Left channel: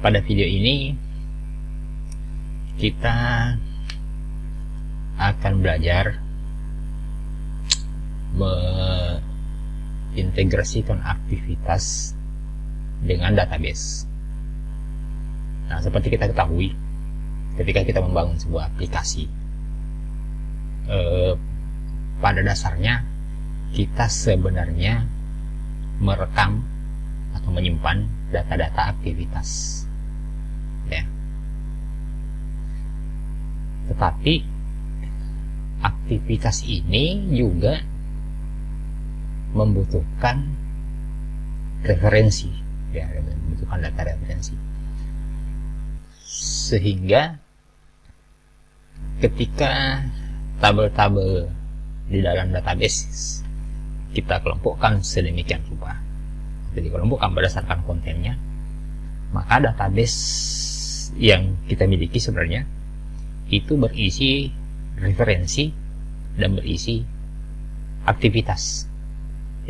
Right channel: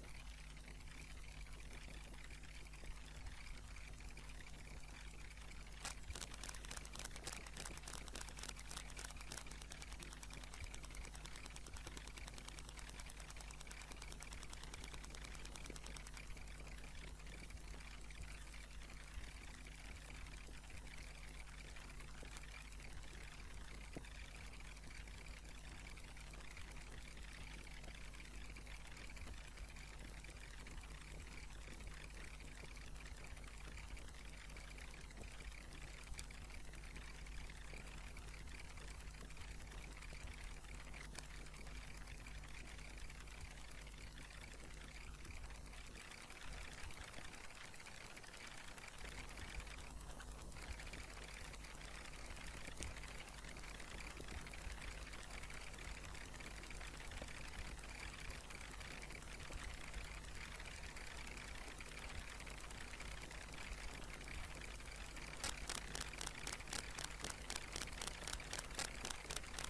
Pada video ini kita akan belajar mengintegrasikan aktivitas dengan database. Nah, seperti kita ketahui, ketika kita membangun sebuah aplikasi, pada dasarnya kita sebenarnya merekam atau menyimpan data-data aktivitas, ya. Tetapi aktivitas ini juga membutuhkan referensi, ya, membutuhkan data referensi, sehingga ketika tabel-tabel di dalam database kita kelompokkan sedemikian rupa, jadi kelompokkan berdasarkan kontennya, maka database yang kita miliki sebenarnya itu berisi referensi dan berisi aktivitas.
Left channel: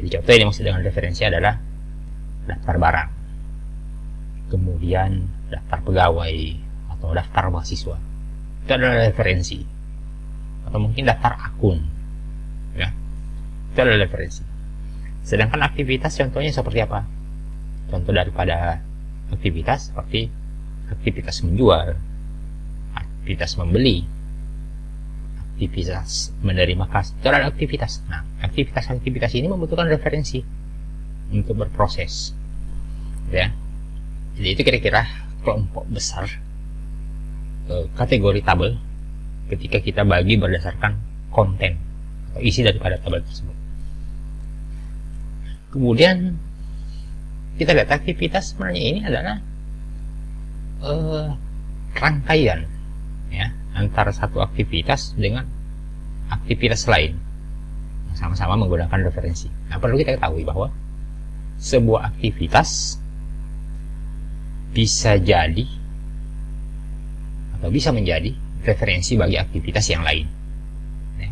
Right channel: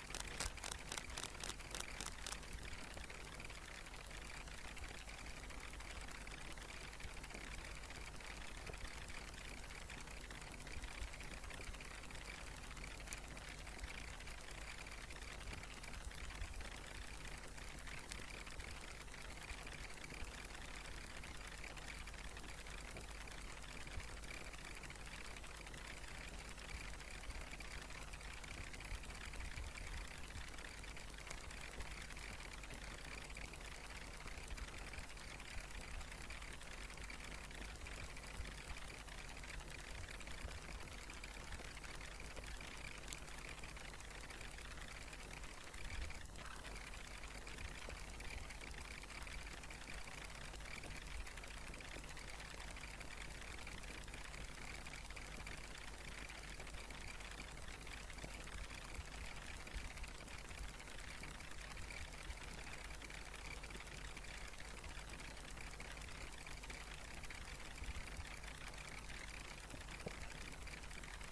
Jadi contoh yang dimaksud dengan referensi adalah daftar barang, kemudian daftar pegawai atau daftar mahasiswa, itu adalah referensi, atau mungkin daftar akun, ya, itu adalah referensi. Sedangkan aktivitas contohnya seperti apa? Contoh daripada aktivitas seperti aktivitas menjual, aktivitas membeli, aktivitas menerima kas, itu adalah aktivitas. Nah, aktivitas ini membutuhkan referensi untuk berproses, ya. Jadi itu kira-kira kelompok besar kategori tabel ketika kita bagi berdasarkan konten atau isi daripada tabel tersebut. Kemudian kita lihat aktivitas sebenarnya ini adalah rangkaian, ya, antara satu aktivitas dengan aktivitas lain yang sama-sama menggunakan referensi. Nah, perlu kita ketahui bahwa sebuah aktivitas bisa jadi atau bisa menjadi referensi bagi aktivitas yang lain, ya.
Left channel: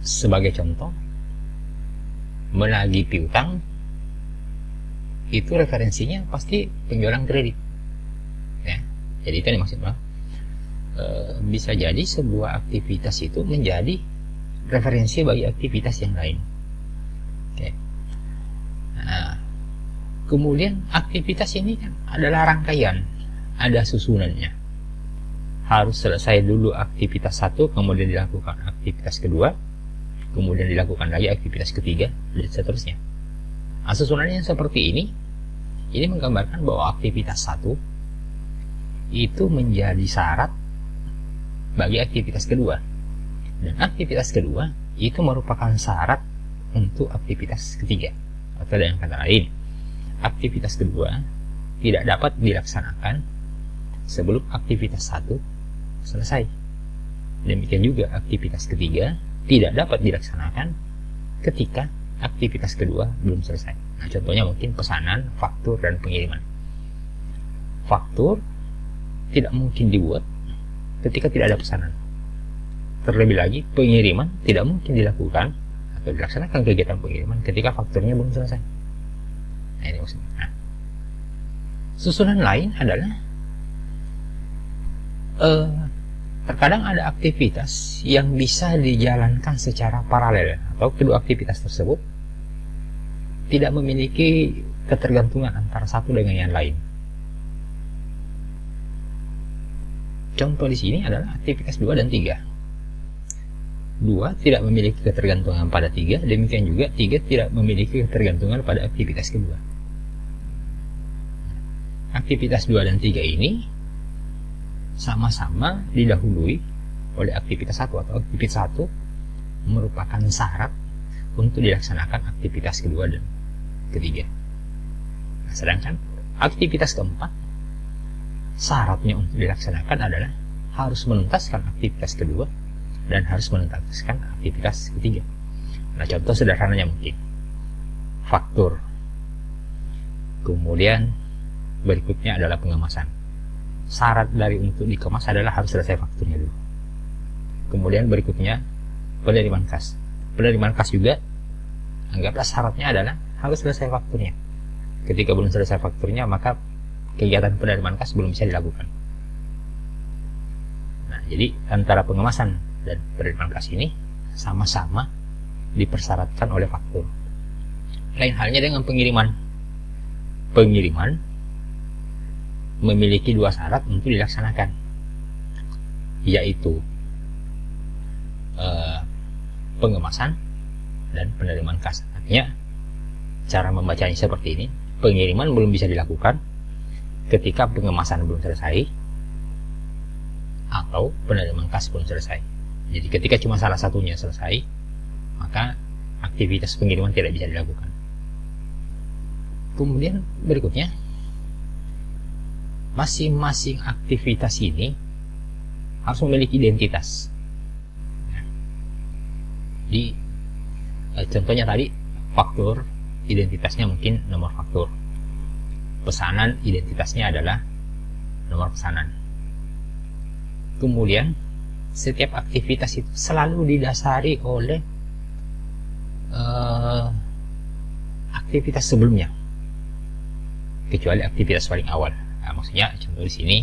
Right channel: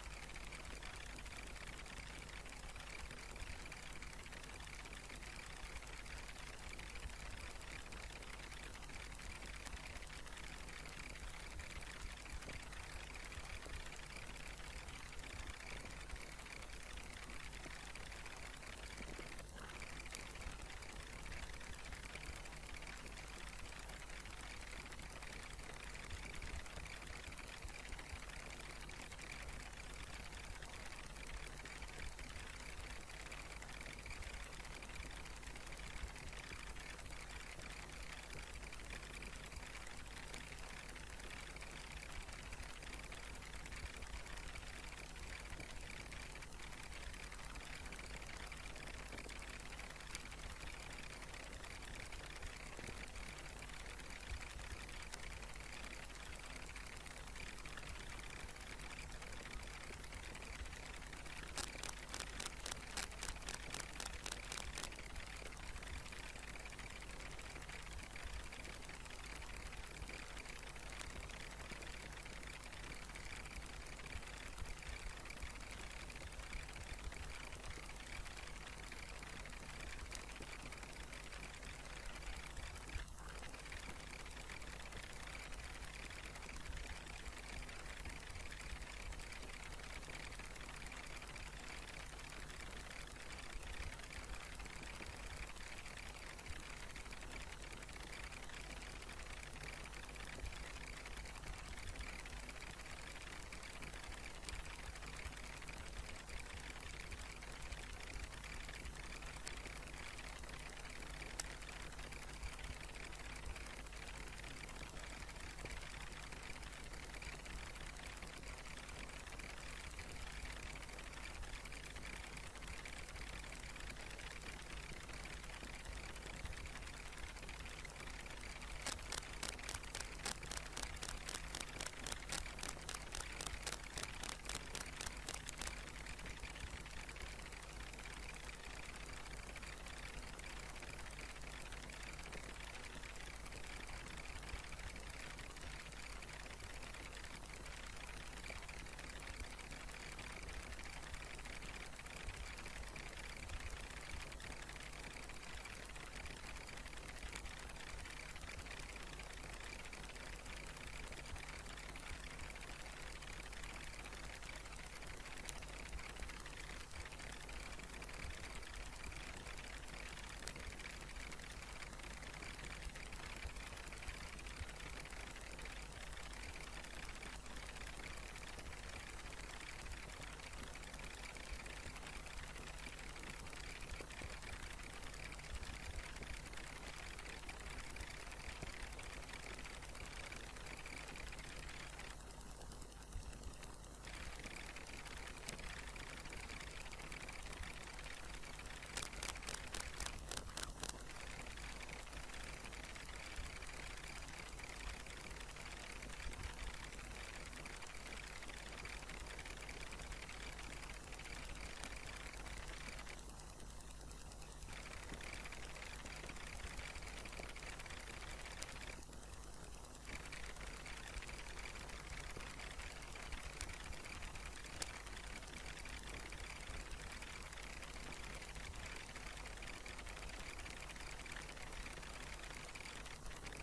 Sebagai contoh, menagih piutang itu referensinya pasti penjualan kredit, ya. Jadi itu yang dimaksud, bisa jadi sebuah aktivitas itu menjadi referensi bagi aktivitas yang lain, okay. Nah, kemudian aktivitas ini kan adalah rangkaian, ada susunannya. Harus selesai dulu aktivitas satu, kemudian dilakukan aktivitas kedua, kemudian dilakukan lagi aktivitas ketiga, dan seterusnya. Nah, susunannya seperti ini menggambarkan bahwa aktivitas satu itu menjadi syarat bagi aktivitas kedua, dan aktivitas kedua itu merupakan syarat untuk aktivitas ketiga. Atau dengan kata lain, aktivitas kedua tidak dapat dilaksanakan sebelum aktivitas satu selesai. Demikian juga aktivitas ketiga tidak dapat dilaksanakan ketika aktivitas kedua belum selesai. Nah, contohnya mungkin pesanan, faktur, dan pengiriman. Faktur tidak mungkin dibuat ketika tidak ada pesanan. Terlebih lagi, pengiriman tidak mungkin dilakukan atau dilaksanakan kegiatan pengiriman ketika fakturnya belum selesai. Nah, ini maksudnya. Nah, susunan lain adalah terkadang ada aktivitas yang bisa dijalankan secara paralel, atau kedua aktivitas tersebut tidak memiliki ketergantungan antara satu dengan yang lain. Contoh di sini adalah aktivitas 2 dan 3. 2 tidak memiliki ketergantungan pada 3, demikian juga 3 tidak memiliki ketergantungan pada aktivitas kedua. Aktivitas 2 dan 3 ini sama-sama didahului oleh aktivitas 1, atau aktivitas 1 merupakan syarat untuk dilaksanakan aktivitas kedua dan ketiga. Nah, sedangkan aktivitas keempat syaratnya untuk dilaksanakan adalah harus menuntaskan aktivitas kedua dan harus menuntaskan aktivitas ketiga. Nah, contoh sederhananya mungkin faktur, kemudian berikutnya adalah pengemasan. Syarat dari untuk dikemas adalah harus selesai fakturnya dulu. Kemudian berikutnya penerimaan kas. Penerimaan kas juga anggaplah syaratnya adalah harus selesai fakturnya. Ketika belum selesai fakturnya, maka kegiatan penerimaan kas belum bisa dilakukan. Nah, jadi antara pengemasan dan penerimaan kas ini sama-sama dipersyaratkan oleh faktur. Lain halnya dengan pengiriman. Pengiriman memiliki dua syarat untuk dilaksanakan, yaitu pengemasan dan penerimaan kas. Artinya cara membacanya seperti ini: pengiriman belum bisa dilakukan ketika pengemasan belum selesai atau penerimaan kas belum selesai. Jadi ketika cuma salah satunya selesai, maka aktivitas pengiriman tidak bisa dilakukan. Kemudian berikutnya, masing-masing aktivitas ini harus memiliki identitas. Di contohnya tadi, faktur identitasnya mungkin nomor faktur, pesanan identitasnya adalah nomor pesanan. Kemudian setiap aktivitas itu selalu didasari oleh aktivitas sebelumnya, kecuali aktivitas paling awal. Nah, maksudnya contoh di sini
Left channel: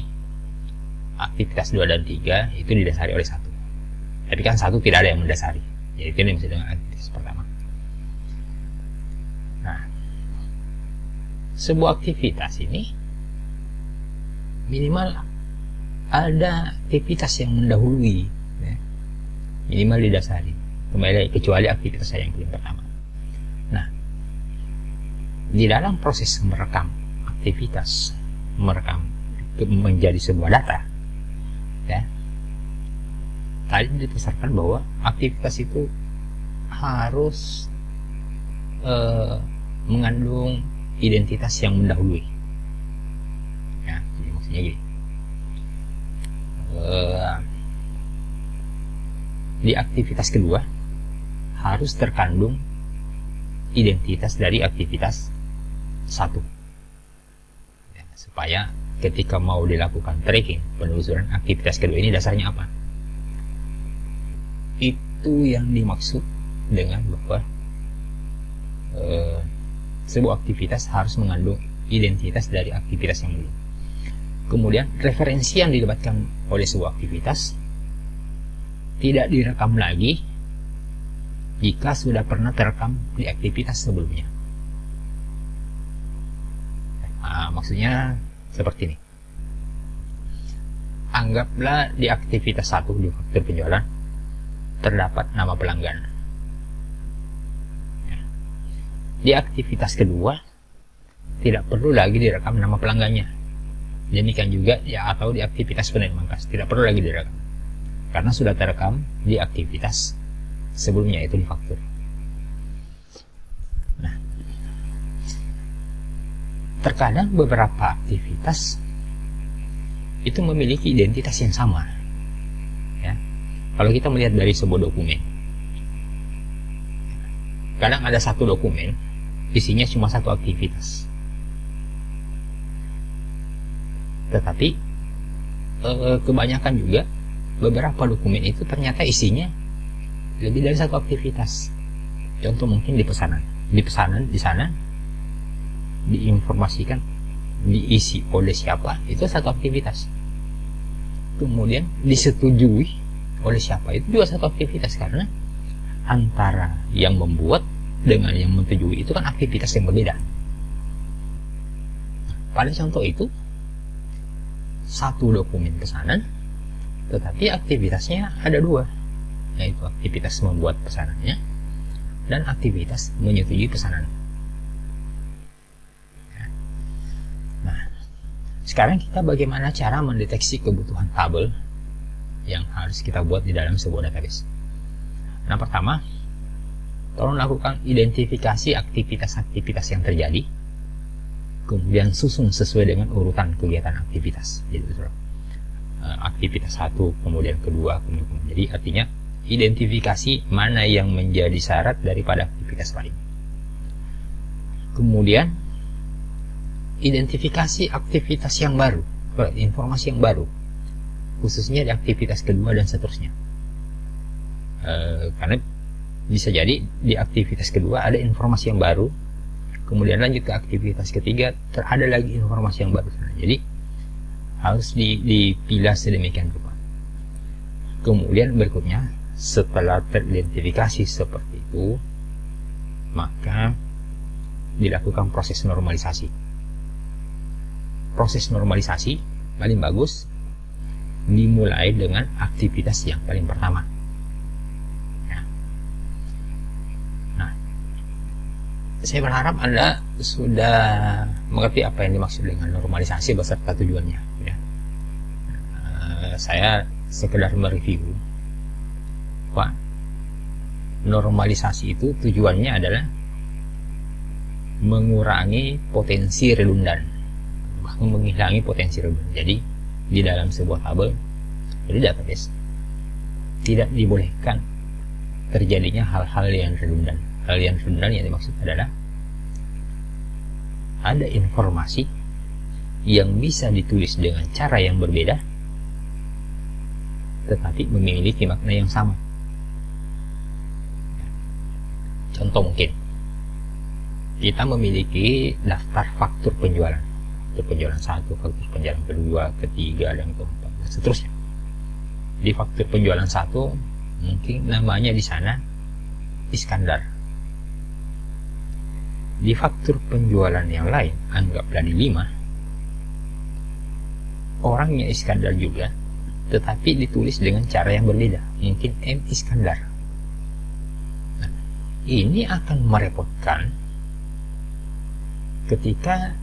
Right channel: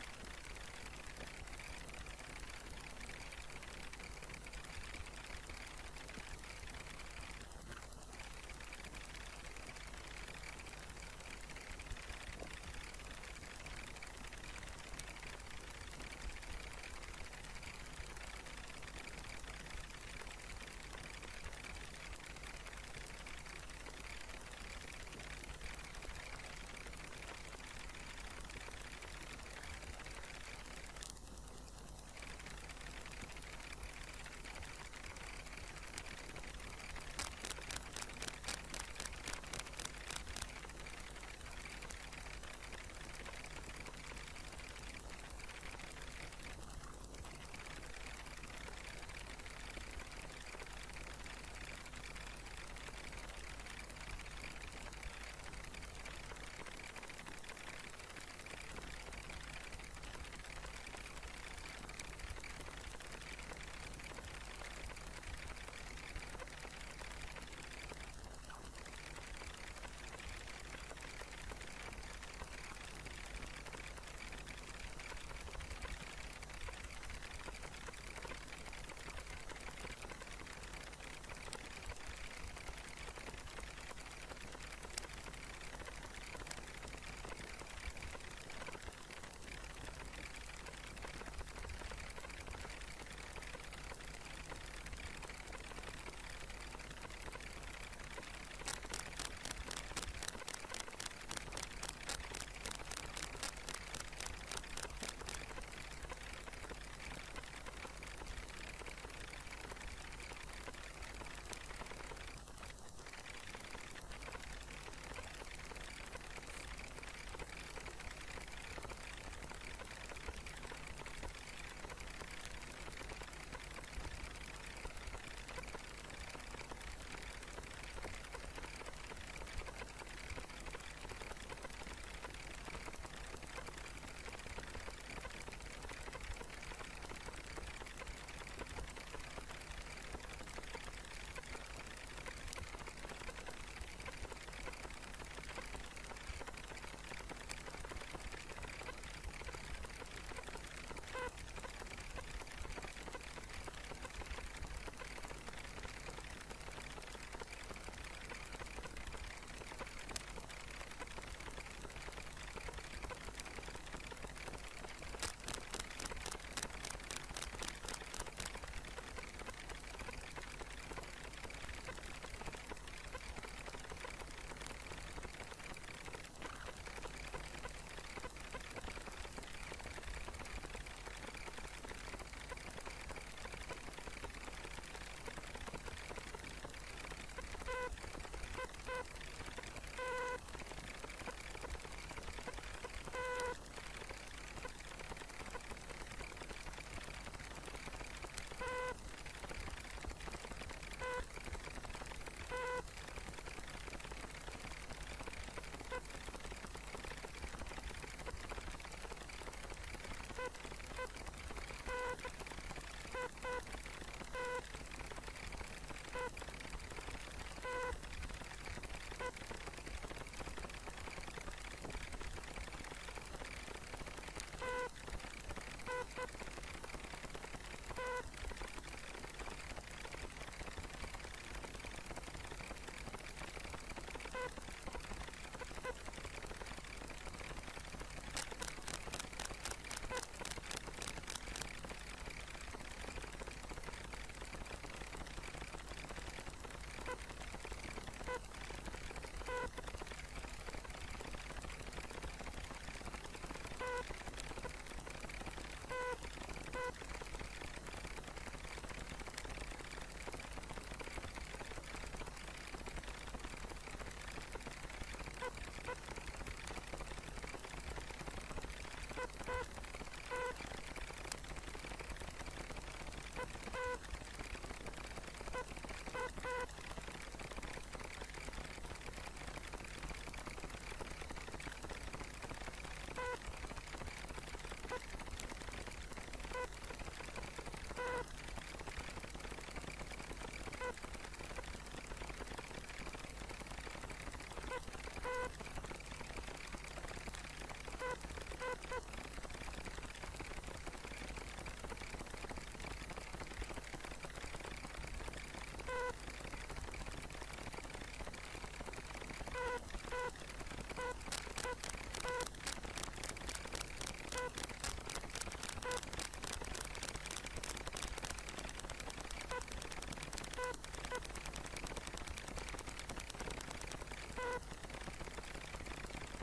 aktivitas 2 dan 3 itu didasari oleh 1. Tapi kan 1 tidak ada yang mendasari. Jadi itu yang bisa dengan aktivitas pertama. Nah, sebuah aktivitas ini minimal ada aktivitas yang mendahului, ya. Minimal didasari, kecuali aktivitas yang pertama. Nah, di dalam proses merekam aktivitas, merekam menjadi sebuah data, ya, tadi dibesarkan bahwa aktivitas itu harus mengandung identitas yang mendahului, ya. Jadi maksudnya gini, di aktivitas kedua harus terkandung identitas dari aktivitas 1, ya, supaya ketika mau dilakukan tracking, penelusuran aktivitas kedua ini dasarnya apa. Itu yang dimaksud dengan bahwa sebuah aktivitas harus mengandung identitas dari aktivitas yang dulu. Kemudian referensi yang didapatkan oleh sebuah aktivitas tidak direkam lagi jika sudah pernah terekam di aktivitas sebelumnya. Nah, maksudnya seperti ini. Anggaplah di aktivitas 1 di faktur penjualan terdapat nama pelanggan. Di aktivitas kedua tidak perlu lagi direkam nama pelanggannya. Demikian juga ya, atau di aktivitas penerimaan kas tidak perlu lagi direkam karena sudah terekam di aktivitas sebelumnya, itu di faktur. Nah, terkadang beberapa aktivitas itu memiliki identitas yang sama, ya. Kalau kita melihat dari sebuah dokumen, kadang ada satu dokumen isinya cuma satu aktivitas, tetapi kebanyakan juga beberapa dokumen itu ternyata isinya lebih dari satu aktivitas. Contoh mungkin di pesanan. Di pesanan di sana diinformasikan diisi oleh siapa, itu satu aktivitas. Kemudian disetujui oleh siapa, itu juga satu aktivitas, karena antara yang membuat dengan yang menyetujui itu kan aktivitas yang berbeda. Pada contoh itu satu dokumen pesanan, tetapi aktivitasnya ada 2, yaitu aktivitas membuat pesanannya dan aktivitas menyetujui pesanan. Nah, sekarang kita bagaimana cara mendeteksi kebutuhan tabel yang harus kita buat di dalam sebuah database. Nah, pertama, tolong lakukan identifikasi aktivitas-aktivitas yang terjadi, kemudian susun sesuai dengan urutan kegiatan aktivitas. Jadi aktivitas 1, kemudian kedua, kemudian. Jadi artinya identifikasi mana yang menjadi syarat daripada aktivitas lain. Kemudian identifikasi aktivitas yang baru, informasi yang baru, khususnya di aktivitas kedua dan seterusnya. Karena bisa jadi di aktivitas kedua ada informasi yang baru, kemudian lanjut ke aktivitas ketiga ada lagi informasi yang baru. Jadi harus dipilah sedemikian rupa. Kemudian berikutnya, setelah teridentifikasi seperti itu, maka dilakukan proses normalisasi. Proses normalisasi paling bagus dimulai dengan aktivitas yang paling pertama. Nah, saya berharap Anda sudah mengerti apa yang dimaksud dengan normalisasi beserta tujuannya. Ya. Saya sekedar mereview. Pak, normalisasi itu tujuannya adalah mengurangi potensi redundan, bahkan menghilangi potensi redundan. Jadi di dalam sebuah tabel, jadi database, tidak dibolehkan terjadinya hal-hal yang redundan. Hal yang redundan yang dimaksud adalah ada informasi yang bisa ditulis dengan cara yang berbeda tetapi memiliki makna yang sama. Contoh, mungkin kita memiliki daftar faktur penjualan, faktur penjualan 1, faktur penjualan kedua, ketiga, dan keempat, dan seterusnya. Di faktur penjualan 1 mungkin namanya di sana Iskandar. Di faktur penjualan yang lain, anggaplah di 5, orangnya Iskandar juga, tetapi ditulis dengan cara yang berbeda, mungkin M. Iskandar. Nah, ini akan merepotkan ketika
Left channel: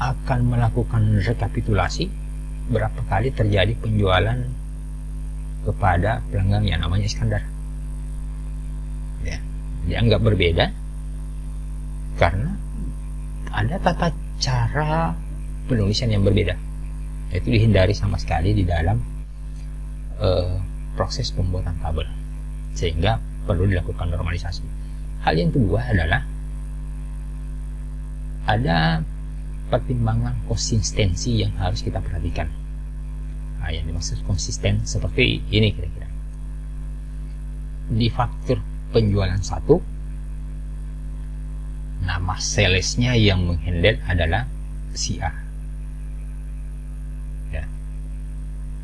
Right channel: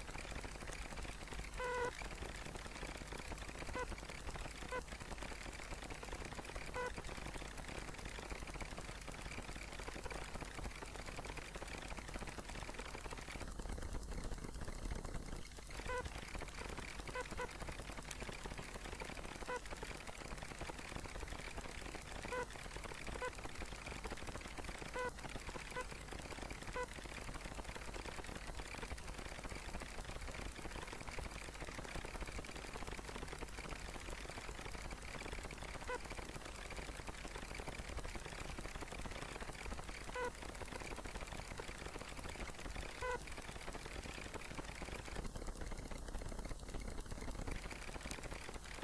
akan melakukan rekapitulasi berapa kali terjadi penjualan kepada pelanggan yang namanya Iskandar. Ya, dianggap berbeda karena ada tata cara penulisan yang berbeda. Itu dihindari sama sekali di dalam proses pembuatan tabel, sehingga perlu dilakukan normalisasi. Hal yang kedua adalah ada pertimbangan konsistensi yang harus kita perhatikan. Nah, yang dimaksud konsisten seperti ini kira-kira. Di faktur penjualan 1, nama salesnya yang menghandle adalah si A. Ya.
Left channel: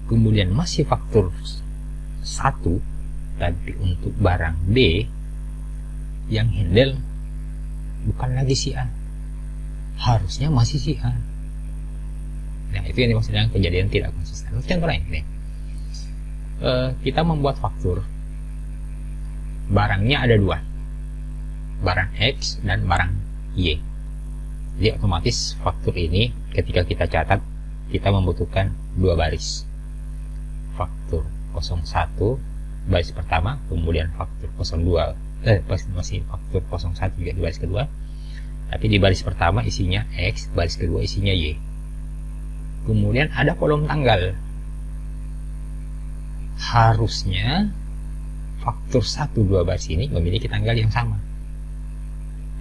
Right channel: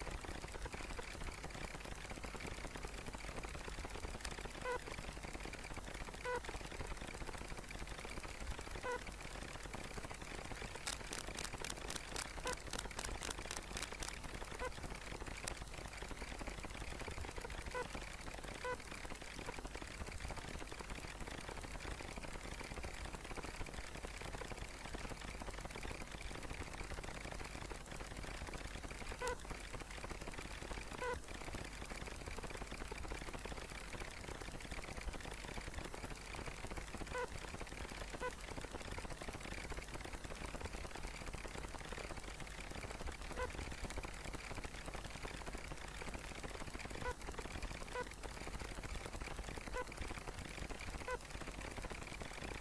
Kemudian masih faktur 1, tapi untuk barang B yang handle bukan lagi si A, harusnya masih si A. Nah, itu yang dimaksud dengan kejadian tidak konsisten. Contoh lain nih, kita membuat faktur, barangnya ada 2, barang X dan barang Y. Jadi otomatis faktur ini ketika kita catat, kita membutuhkan 2 baris. Faktur 01 baris pertama, kemudian faktur 02 masih faktur 01 juga di baris kedua, tapi di baris pertama isinya X, baris kedua isinya Y. Kemudian ada kolom tanggal. Harusnya faktur 1-2 baris ini memiliki tanggal yang sama.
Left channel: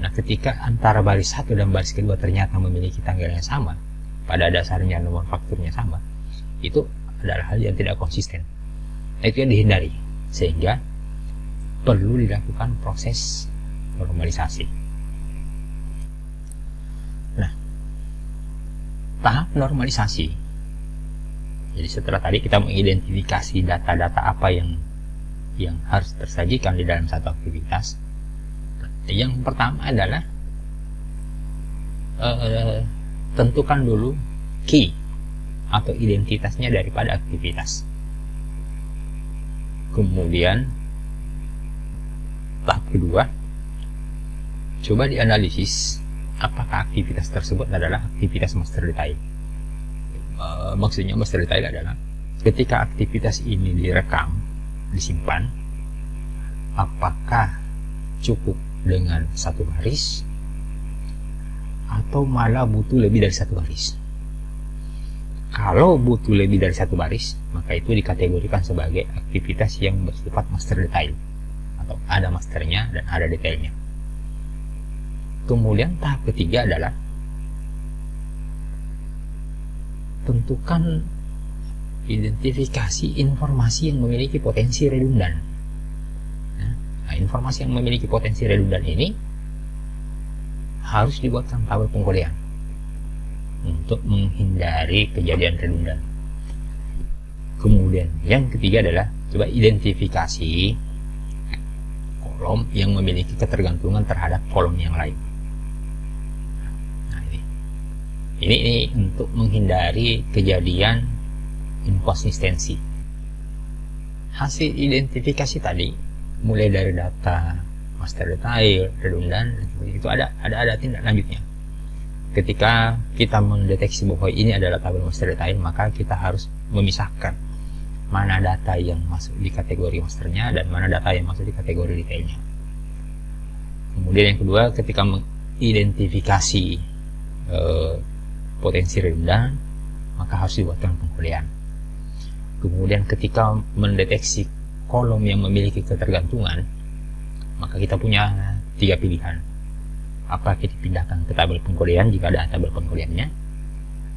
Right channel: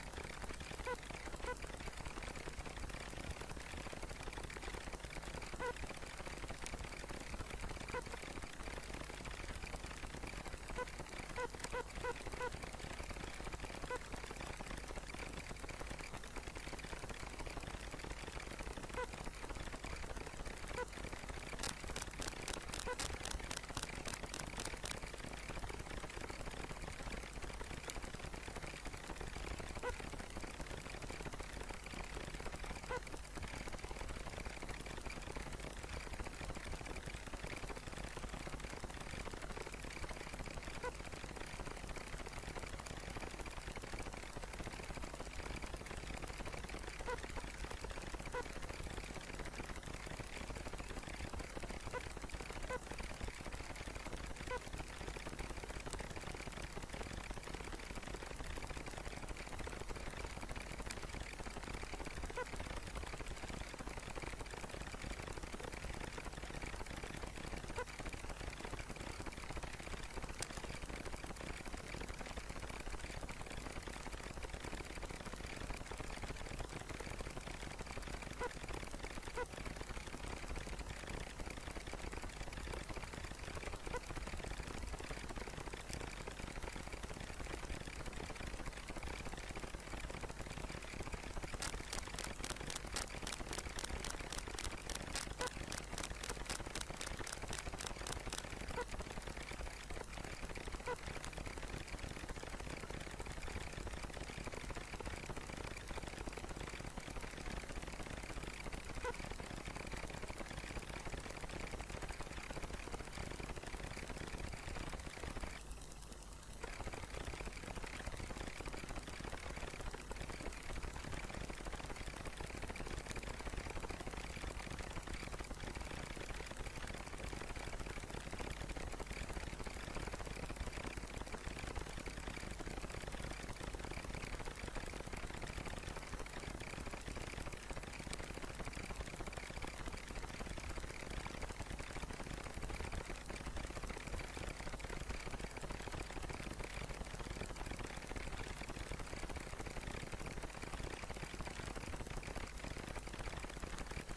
Nah, ketika antara baris 1 dan baris kedua ternyata memiliki tanggal yang sama, pada dasarnya nomor fakturnya sama, itu adalah hal yang tidak konsisten. Nah, itu yang dihindari, sehingga perlu dilakukan proses normalisasi. Nah, tahap normalisasi, jadi setelah tadi kita mengidentifikasi data-data apa yang harus tersajikan di dalam satu aktivitas, yang pertama adalah tentukan dulu key atau identitasnya daripada aktivitas. Kemudian tahap kedua, coba dianalisis apakah aktivitas tersebut adalah aktivitas master detail. Maksudnya master detail adalah ketika aktivitas ini direkam, disimpan, apakah cukup dengan 1 baris atau malah butuh lebih dari 1 baris. Kalau butuh lebih dari 1 baris, maka itu dikategorikan sebagai aktivitas yang bersifat master detail, atau ada masternya dan ada detailnya. Kemudian tahap ketiga adalah tentukan identifikasi informasi yang memiliki potensi redundan. Nah, informasi yang memiliki potensi redundan ini harus dibuatkan tabel pengkodean. untuk menghindari kejadian redundan. Kemudian yang ketiga adalah coba identifikasi kolom yang memiliki ketergantungan terhadap kolom yang lain. Nah, ini untuk menghindari kejadian inkonsistensi. Hasil identifikasi tadi mulai dari data master detail, redundan, itu ada tindak lanjutnya. Ketika kita mendeteksi bahwa ini adalah tabel master detail, maka kita harus memisahkan mana data yang masuk di kategori masternya dan mana data yang masuk di kategori detailnya. Kemudian yang kedua, ketika mengidentifikasi potensi redundan, maka harus dibuatkan pengkodean. Kemudian ketika mendeteksi kolom yang memiliki ketergantungan, maka kita punya 3 pilihan. Apa kita pindahkan ke tabel pengkodean jika ada tabel pengkodeannya,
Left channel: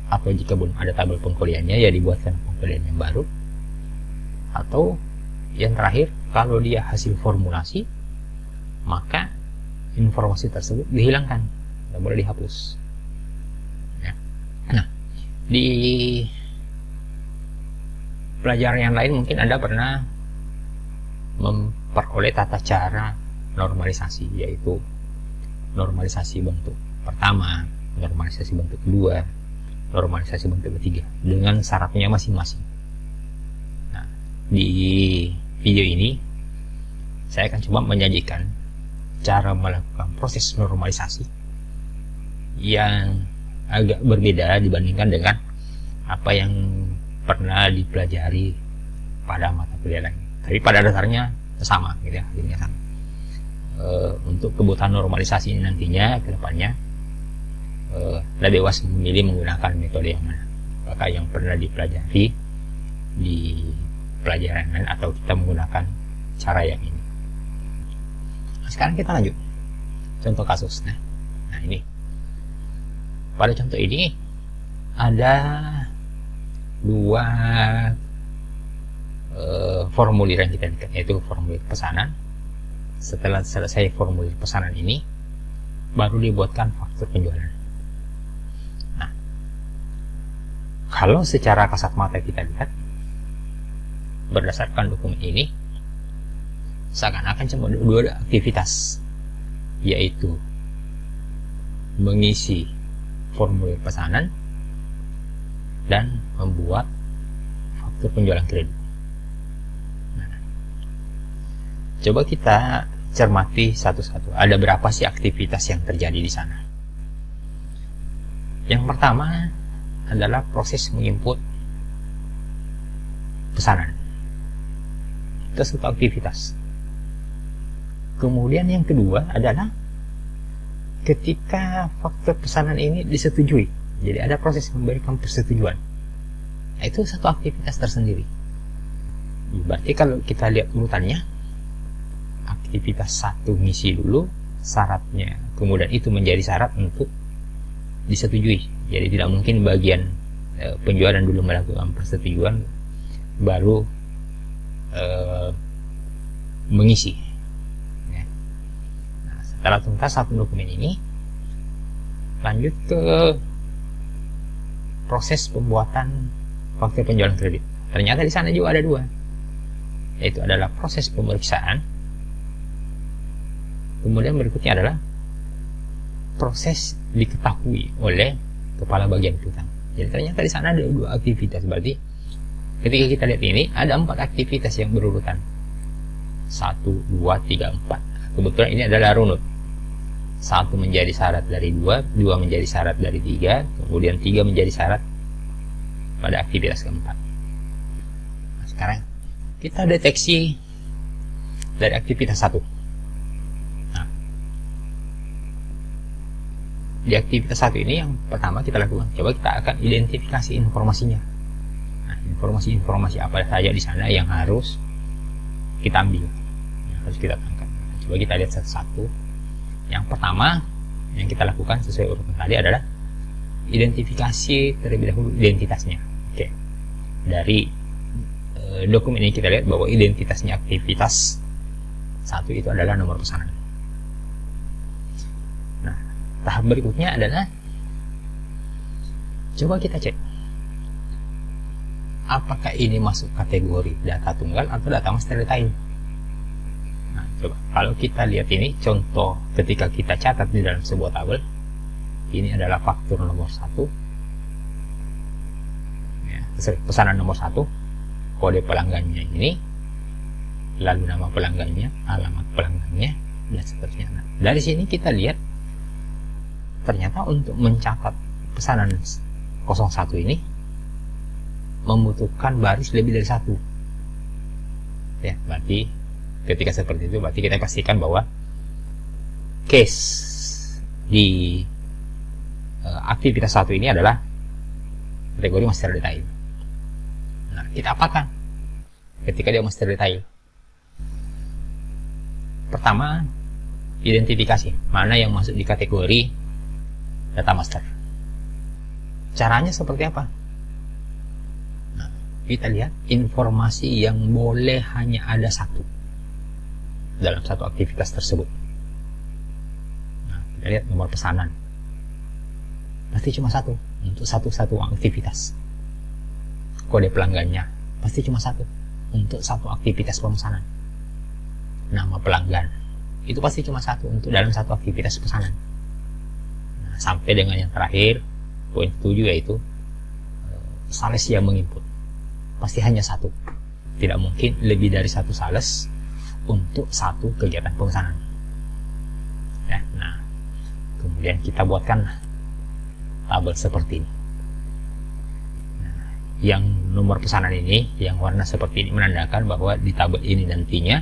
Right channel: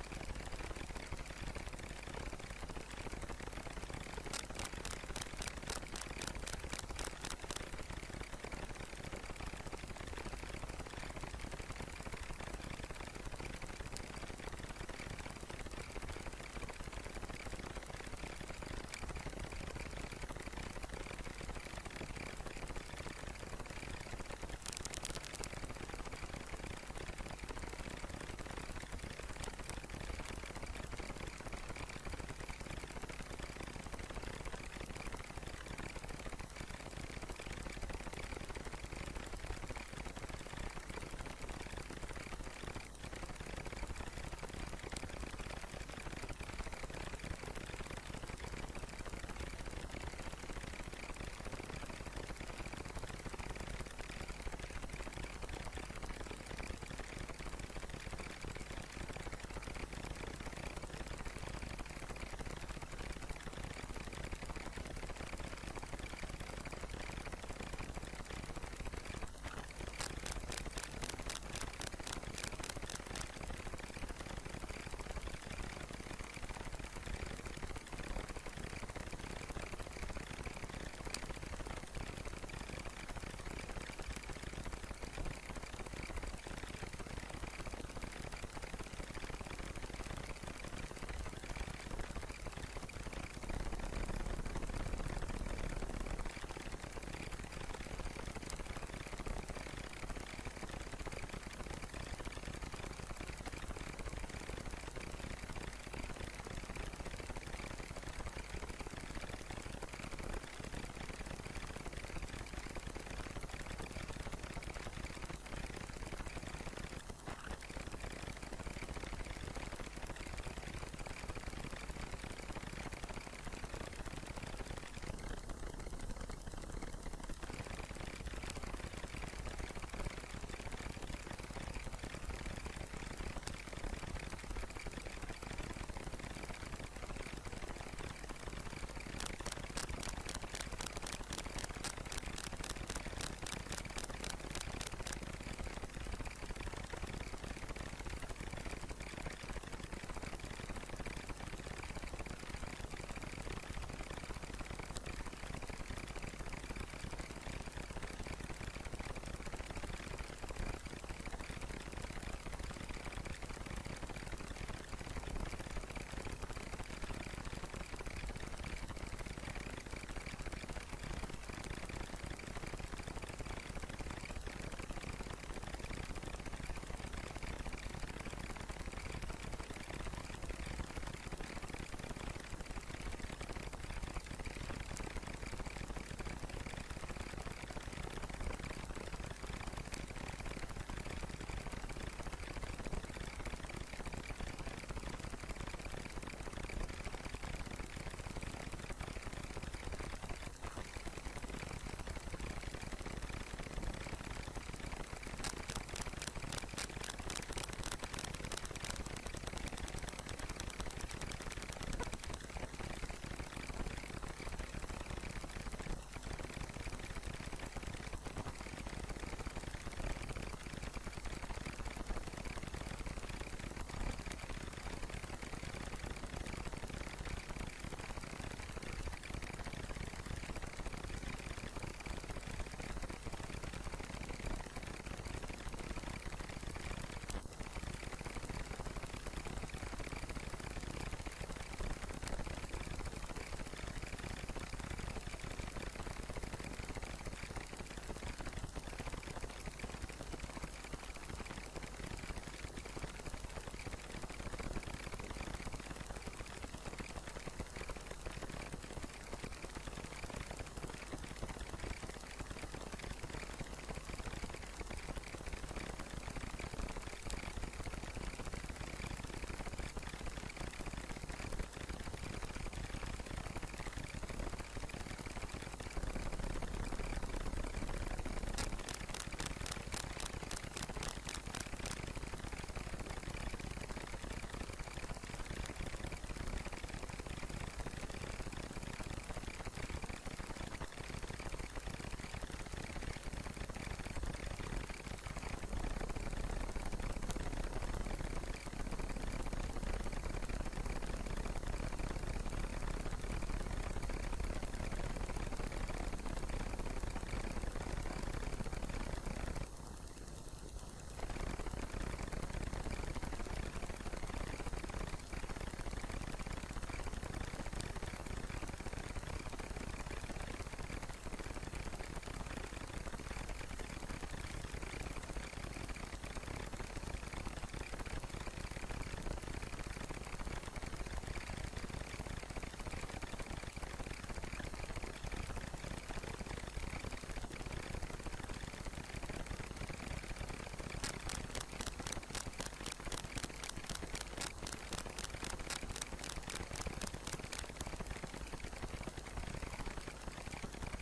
atau jika belum ada tabel pengkodeannya ya dibuatkan pengkodean yang baru, atau yang terakhir, kalau dia hasil formulasi, maka informasi tersebut dihilangkan, tidak boleh dihapus ya. Nah, di pelajaran yang lain mungkin Anda pernah memperoleh tata cara normalisasi, yaitu normalisasi bentuk pertama, normalisasi bentuk kedua, normalisasi bentuk ketiga dengan syaratnya masing-masing. Nah, di video ini saya akan coba menyajikan cara melakukan proses normalisasi yang agak berbeda dibandingkan dengan apa yang pernah dipelajari pada mata kuliah lain. Tapi pada dasarnya sama, gitu ya, hasilnya sama. Untuk kebutuhan normalisasi ini nantinya ke depannya Anda bebas memilih menggunakan metode yang mana, apakah yang pernah dipelajari di pelajaran lain atau kita menggunakan cara yang ini. Nah, sekarang kita lanjut contoh kasus. Nah, ini pada contoh ini ada 2 formulir yang kita lihat, yaitu formulir pesanan. Setelah selesai formulir pesanan ini, baru dibuatkan faktur penjualan. Nah, kalau secara kasat mata kita lihat, berdasarkan dokumen ini, seakan-akan cuma 2 aktivitas, yaitu mengisi formulir pesanan dan membuat faktur penjualan kredit. Coba kita cermati satu-satu. Ada berapa sih aktivitas yang terjadi di sana? Yang pertama adalah proses menginput pesanan. Itu satu aktivitas. Kemudian yang kedua adalah ketika faktur pesanan ini disetujui. Jadi ada proses memberikan persetujuan. Nah, itu satu aktivitas tersendiri. Berarti kalau kita lihat urutannya, aktivitas 1 ngisi dulu syaratnya, kemudian itu menjadi syarat untuk disetujui. Jadi tidak mungkin bagian penjualan dulu melakukan persetujuan baru mengisi. Nah, setelah tuntas satu dokumen ini, lanjut ke proses pembuatan faktur penjualan kredit. Ternyata di sana juga ada 2, yaitu adalah proses pemeriksaan. Kemudian berikutnya adalah proses diketahui oleh kepala bagian utang. Jadi ternyata di sana ada 2 aktivitas. Berarti ketika kita lihat ini ada 4 aktivitas yang berurutan 1, 2, 3, 4. Kebetulan ini adalah runut. 1 menjadi syarat dari 2, 2 menjadi syarat dari 3, kemudian 3 menjadi syarat pada aktivitas keempat. Nah, sekarang kita deteksi dari aktivitas 1. Di aktivitas 1 ini yang pertama kita lakukan, coba kita akan identifikasi informasinya. Nah, informasi-informasi apa saja di sana yang harus kita ambil, yang harus kita tangkap. Coba kita lihat satu-satu. Yang pertama yang kita lakukan sesuai urutan tadi adalah identifikasi terlebih dahulu identitasnya. Oke. Dari dokumen ini kita lihat bahwa identitasnya aktivitas 1 itu adalah nomor pesanan. Tahap berikutnya adalah Coba kita cek apakah ini masuk kategori data tunggal atau data master detail. Nah, coba kalau kita lihat ini contoh ketika kita catat di dalam sebuah tabel, ini adalah faktur nomor 1 ya, pesanan nomor 1, kode pelanggannya ini, lalu nama pelanggannya, alamat pelanggannya, dan seterusnya. Nah, dari sini kita lihat ternyata untuk mencatat pesanan 01 ini membutuhkan baris lebih dari 1 ya. Berarti ketika seperti itu berarti kita pastikan bahwa case di aktivitas 1 ini adalah kategori master detail. Nah, kita apakan ketika dia master detail? Pertama, identifikasi mana yang masuk di kategori data master. Caranya seperti apa? Nah, kita lihat informasi yang boleh hanya ada 1 dalam satu aktivitas tersebut. Nah, kita lihat nomor pesanan, pasti cuma 1 untuk satu aktivitas. Kode pelanggannya pasti cuma 1 untuk satu aktivitas pemesanan. Nama pelanggan itu pasti cuma 1 untuk dalam satu aktivitas pesanan. Nah, sampai dengan yang terakhir, poin 7, yaitu sales yang menginput pasti hanya 1. Tidak mungkin lebih dari 1 sales untuk satu kegiatan pemesanan ya. Nah, kemudian kita buatkan tabel seperti ini. Nah, yang nomor pesanan ini, yang warna seperti ini, menandakan bahwa di tabel ini nantinya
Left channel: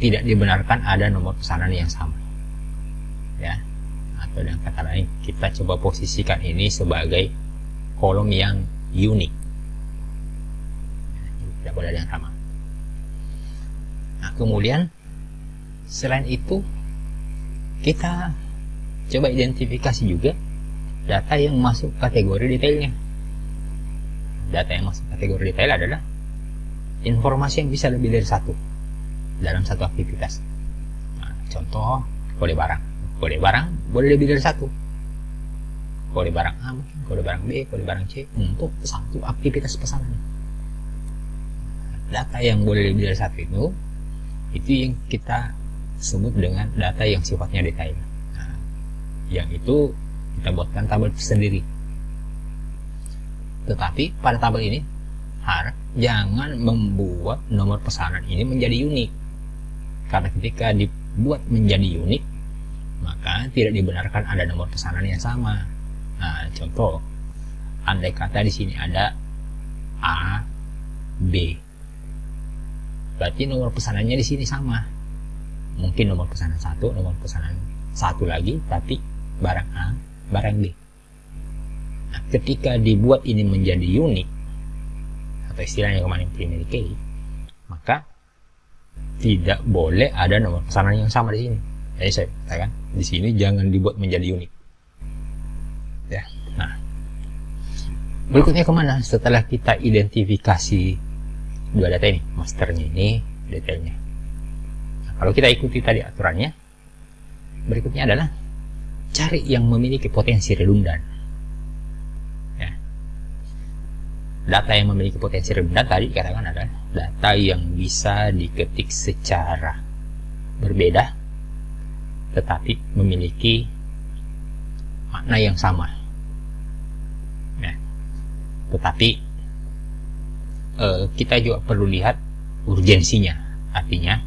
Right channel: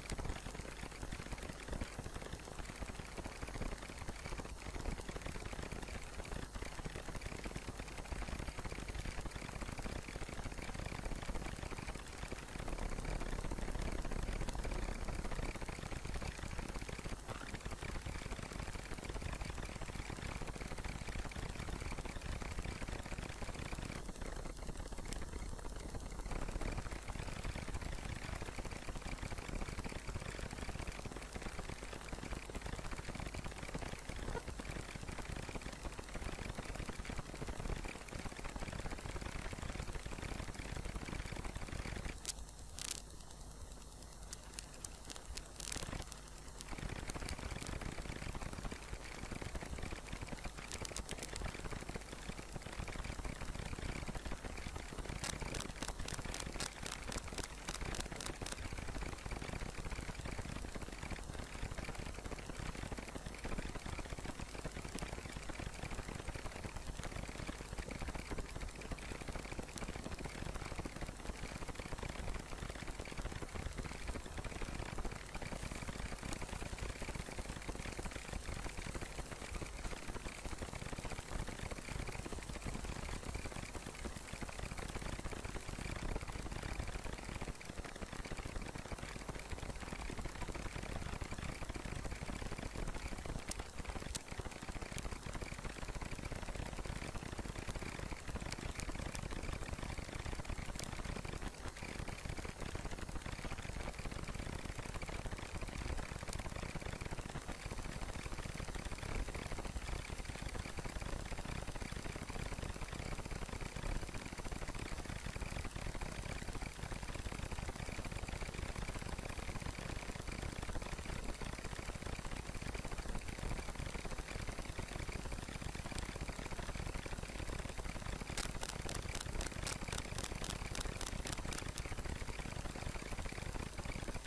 tidak dibenarkan ada nomor pesanan yang sama ya. Atau dengan kata lain, kita coba posisikan ini sebagai kolom yang unik, tidak boleh ada yang sama. Nah, kemudian selain itu kita coba identifikasi juga data yang masuk kategori detailnya. Data yang masuk kategori detail adalah informasi yang bisa lebih dari 1 dalam satu aktivitas. Nah, contoh kode barang. Kode barang boleh lebih dari 1. Kode barang A, kode barang B, kode barang C untuk satu aktivitas pesanan. Data yang boleh lebih dari 1 itu yang kita sebut dengan data yang sifatnya detail. Nah, yang itu kita buatkan tabel sendiri. Tetapi pada tabel ini jangan membuat nomor pesanan ini menjadi unik. Karena ketika dibuat menjadi unik, maka tidak dibenarkan ada nomor pesanan yang sama. Nah, contoh, andai kata di sini ada A, B, berarti nomor pesanannya di sini sama. Mungkin nomor pesanan 1, nomor pesanan 1 lagi, tapi barang A, barang B. Nah, ketika dibuat ini menjadi unik, atau istilahnya kemarin primary key, maka tidak boleh ada nomor pesanan yang sama di sini. Jadi saya katakan di sini jangan dibuat menjadi unik. Ya. Nah, berikutnya kemana? Setelah kita identifikasi dua data ini, masternya ini, detailnya. Nah, kalau kita ikuti tadi aturannya, berikutnya adalah cari yang memiliki potensi redundan. Data yang memiliki potensi redundan tadi dikatakan adalah data yang bisa diketik secara berbeda tetapi memiliki makna yang sama. Nah, tetapi kita juga perlu lihat urgensinya. Artinya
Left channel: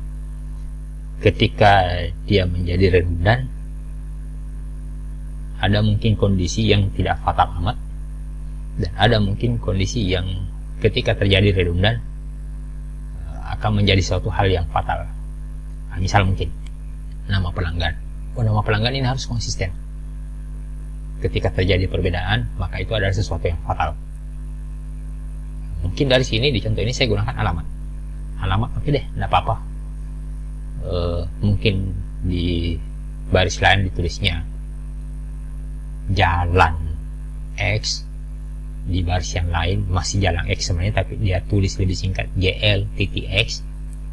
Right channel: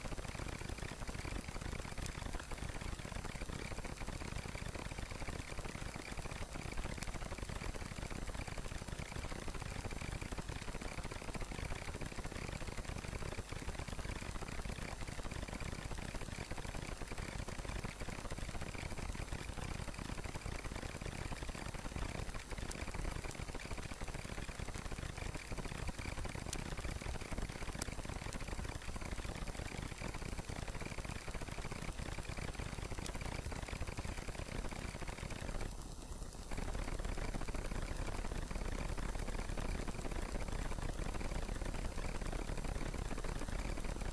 ketika dia menjadi redundan, ada mungkin kondisi yang tidak fatal amat, dan ada mungkin kondisi yang ketika terjadi redundan akan menjadi suatu hal yang fatal. Nah, misal mungkin nama pelanggan. Nama pelanggan ini harus konsisten. Ketika terjadi perbedaan, maka itu adalah sesuatu yang fatal. Mungkin dari sini di contoh ini saya gunakan alamat. Alamat oke deh, tidak apa-apa. Mungkin di baris lain ditulisnya jalan X, di baris yang lain masih jalan X sebenarnya, tapi dia tulis lebih singkat GL.X,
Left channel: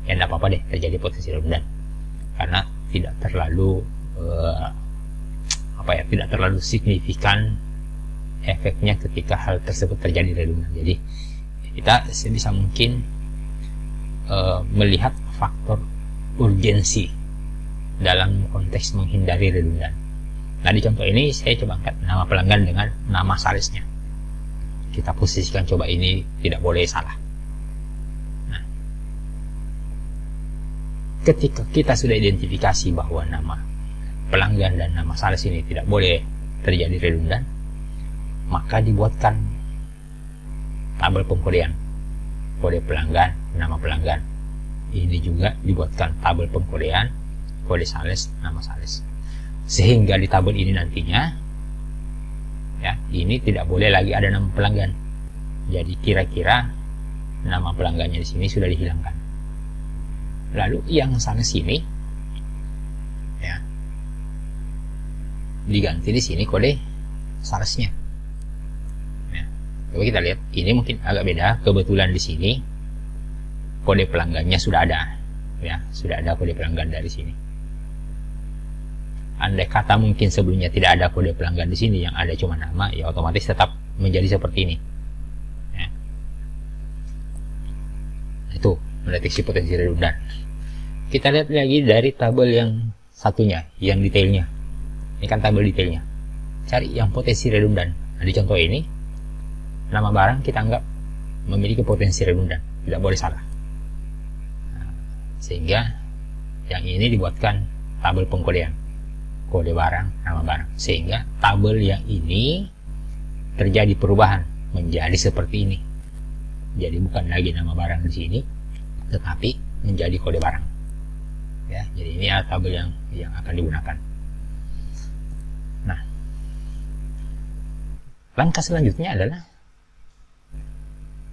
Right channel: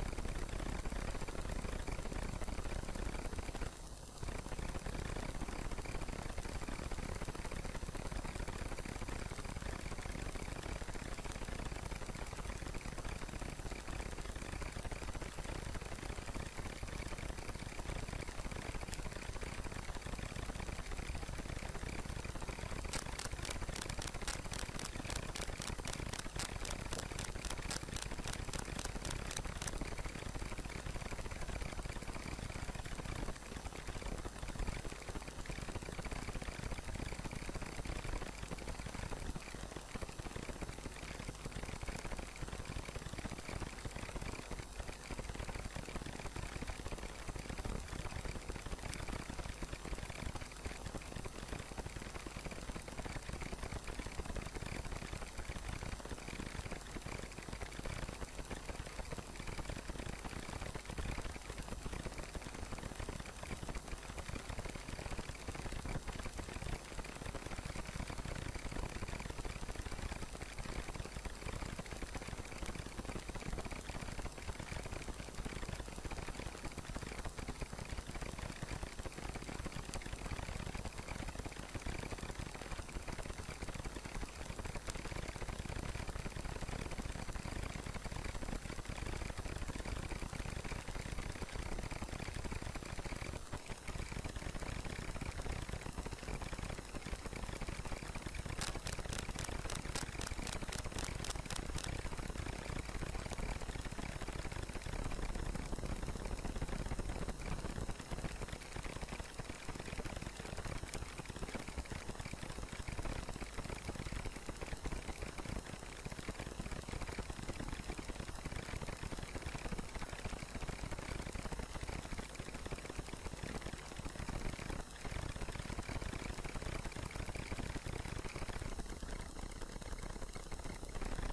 ya tidak apa-apa deh terjadi potensi redundan, karena tidak terlalu tidak terlalu signifikan efeknya ketika hal tersebut terjadi redundan. Jadi kita sebisa mungkin melihat faktor urgensi dalam konteks menghindari redundan. Nah, di contoh ini saya coba angkat nama pelanggan dengan nama salesnya. Kita posisikan coba ini tidak boleh salah. Nah, ketika kita sudah identifikasi bahwa nama pelanggan dan nama sales ini tidak boleh terjadi redundan, maka dibuatkan tabel pengkodean, kode pelanggan, nama pelanggan. Ini juga dibuatkan tabel pengkodean, kode sales, nama sales. Sehingga di tabel ini nantinya, ya, ini tidak boleh lagi ada nama pelanggan. Jadi kira-kira nama pelanggannya di sini sudah dihilangkan. Lalu yang sana sini, ya, diganti di sini kode salesnya. Coba kita lihat, ini mungkin agak beda. Kebetulan di sini kode pelanggannya sudah ada, ya, sudah ada kode pelanggan dari sini. Andai kata mungkin sebelumnya tidak ada kode pelanggan di sini, yang ada cuma nama, ya otomatis tetap menjadi seperti ini. Ya. Itu mendeteksi potensi redundan. Kita lihat lagi dari tabel yang satunya, yang detailnya. Ini kan tabel detailnya. Cari yang potensi redundan. Nah, di contoh ini, nama barang kita anggap memiliki potensi redundan, tidak boleh salah. Sehingga yang ini dibuatkan tabel pengkodean, kode barang, nama barang, sehingga tabel yang ini terjadi perubahan menjadi seperti ini. Jadi bukan lagi nama barang di sini, tetapi menjadi kode barang. Ya, jadi ini adalah tabel yang akan digunakan. Nah, langkah selanjutnya adalah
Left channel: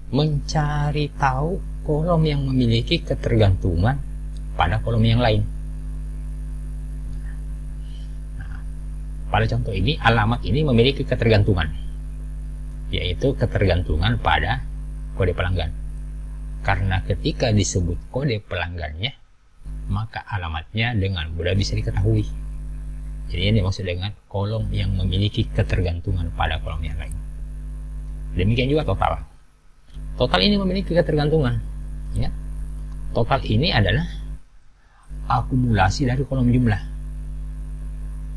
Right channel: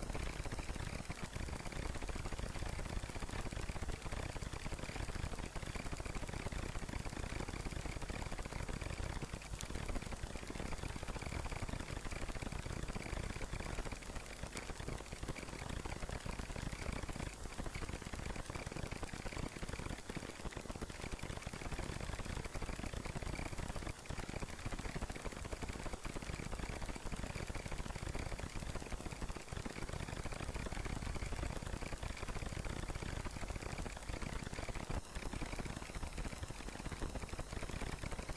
mencari tahu kolom yang memiliki ketergantungan pada kolom yang lain. Pada contoh ini, alamat ini memiliki ketergantungan, yaitu ketergantungan pada kode pelanggan. Karena ketika disebut kode pelanggannya, maka alamatnya dengan mudah bisa diketahui. Jadi ini dimaksud dengan kolom yang memiliki ketergantungan pada kolom yang lain. Demikian juga total. Total ini memiliki ketergantungan. Ya. Total ini adalah akumulasi dari kolom jumlah.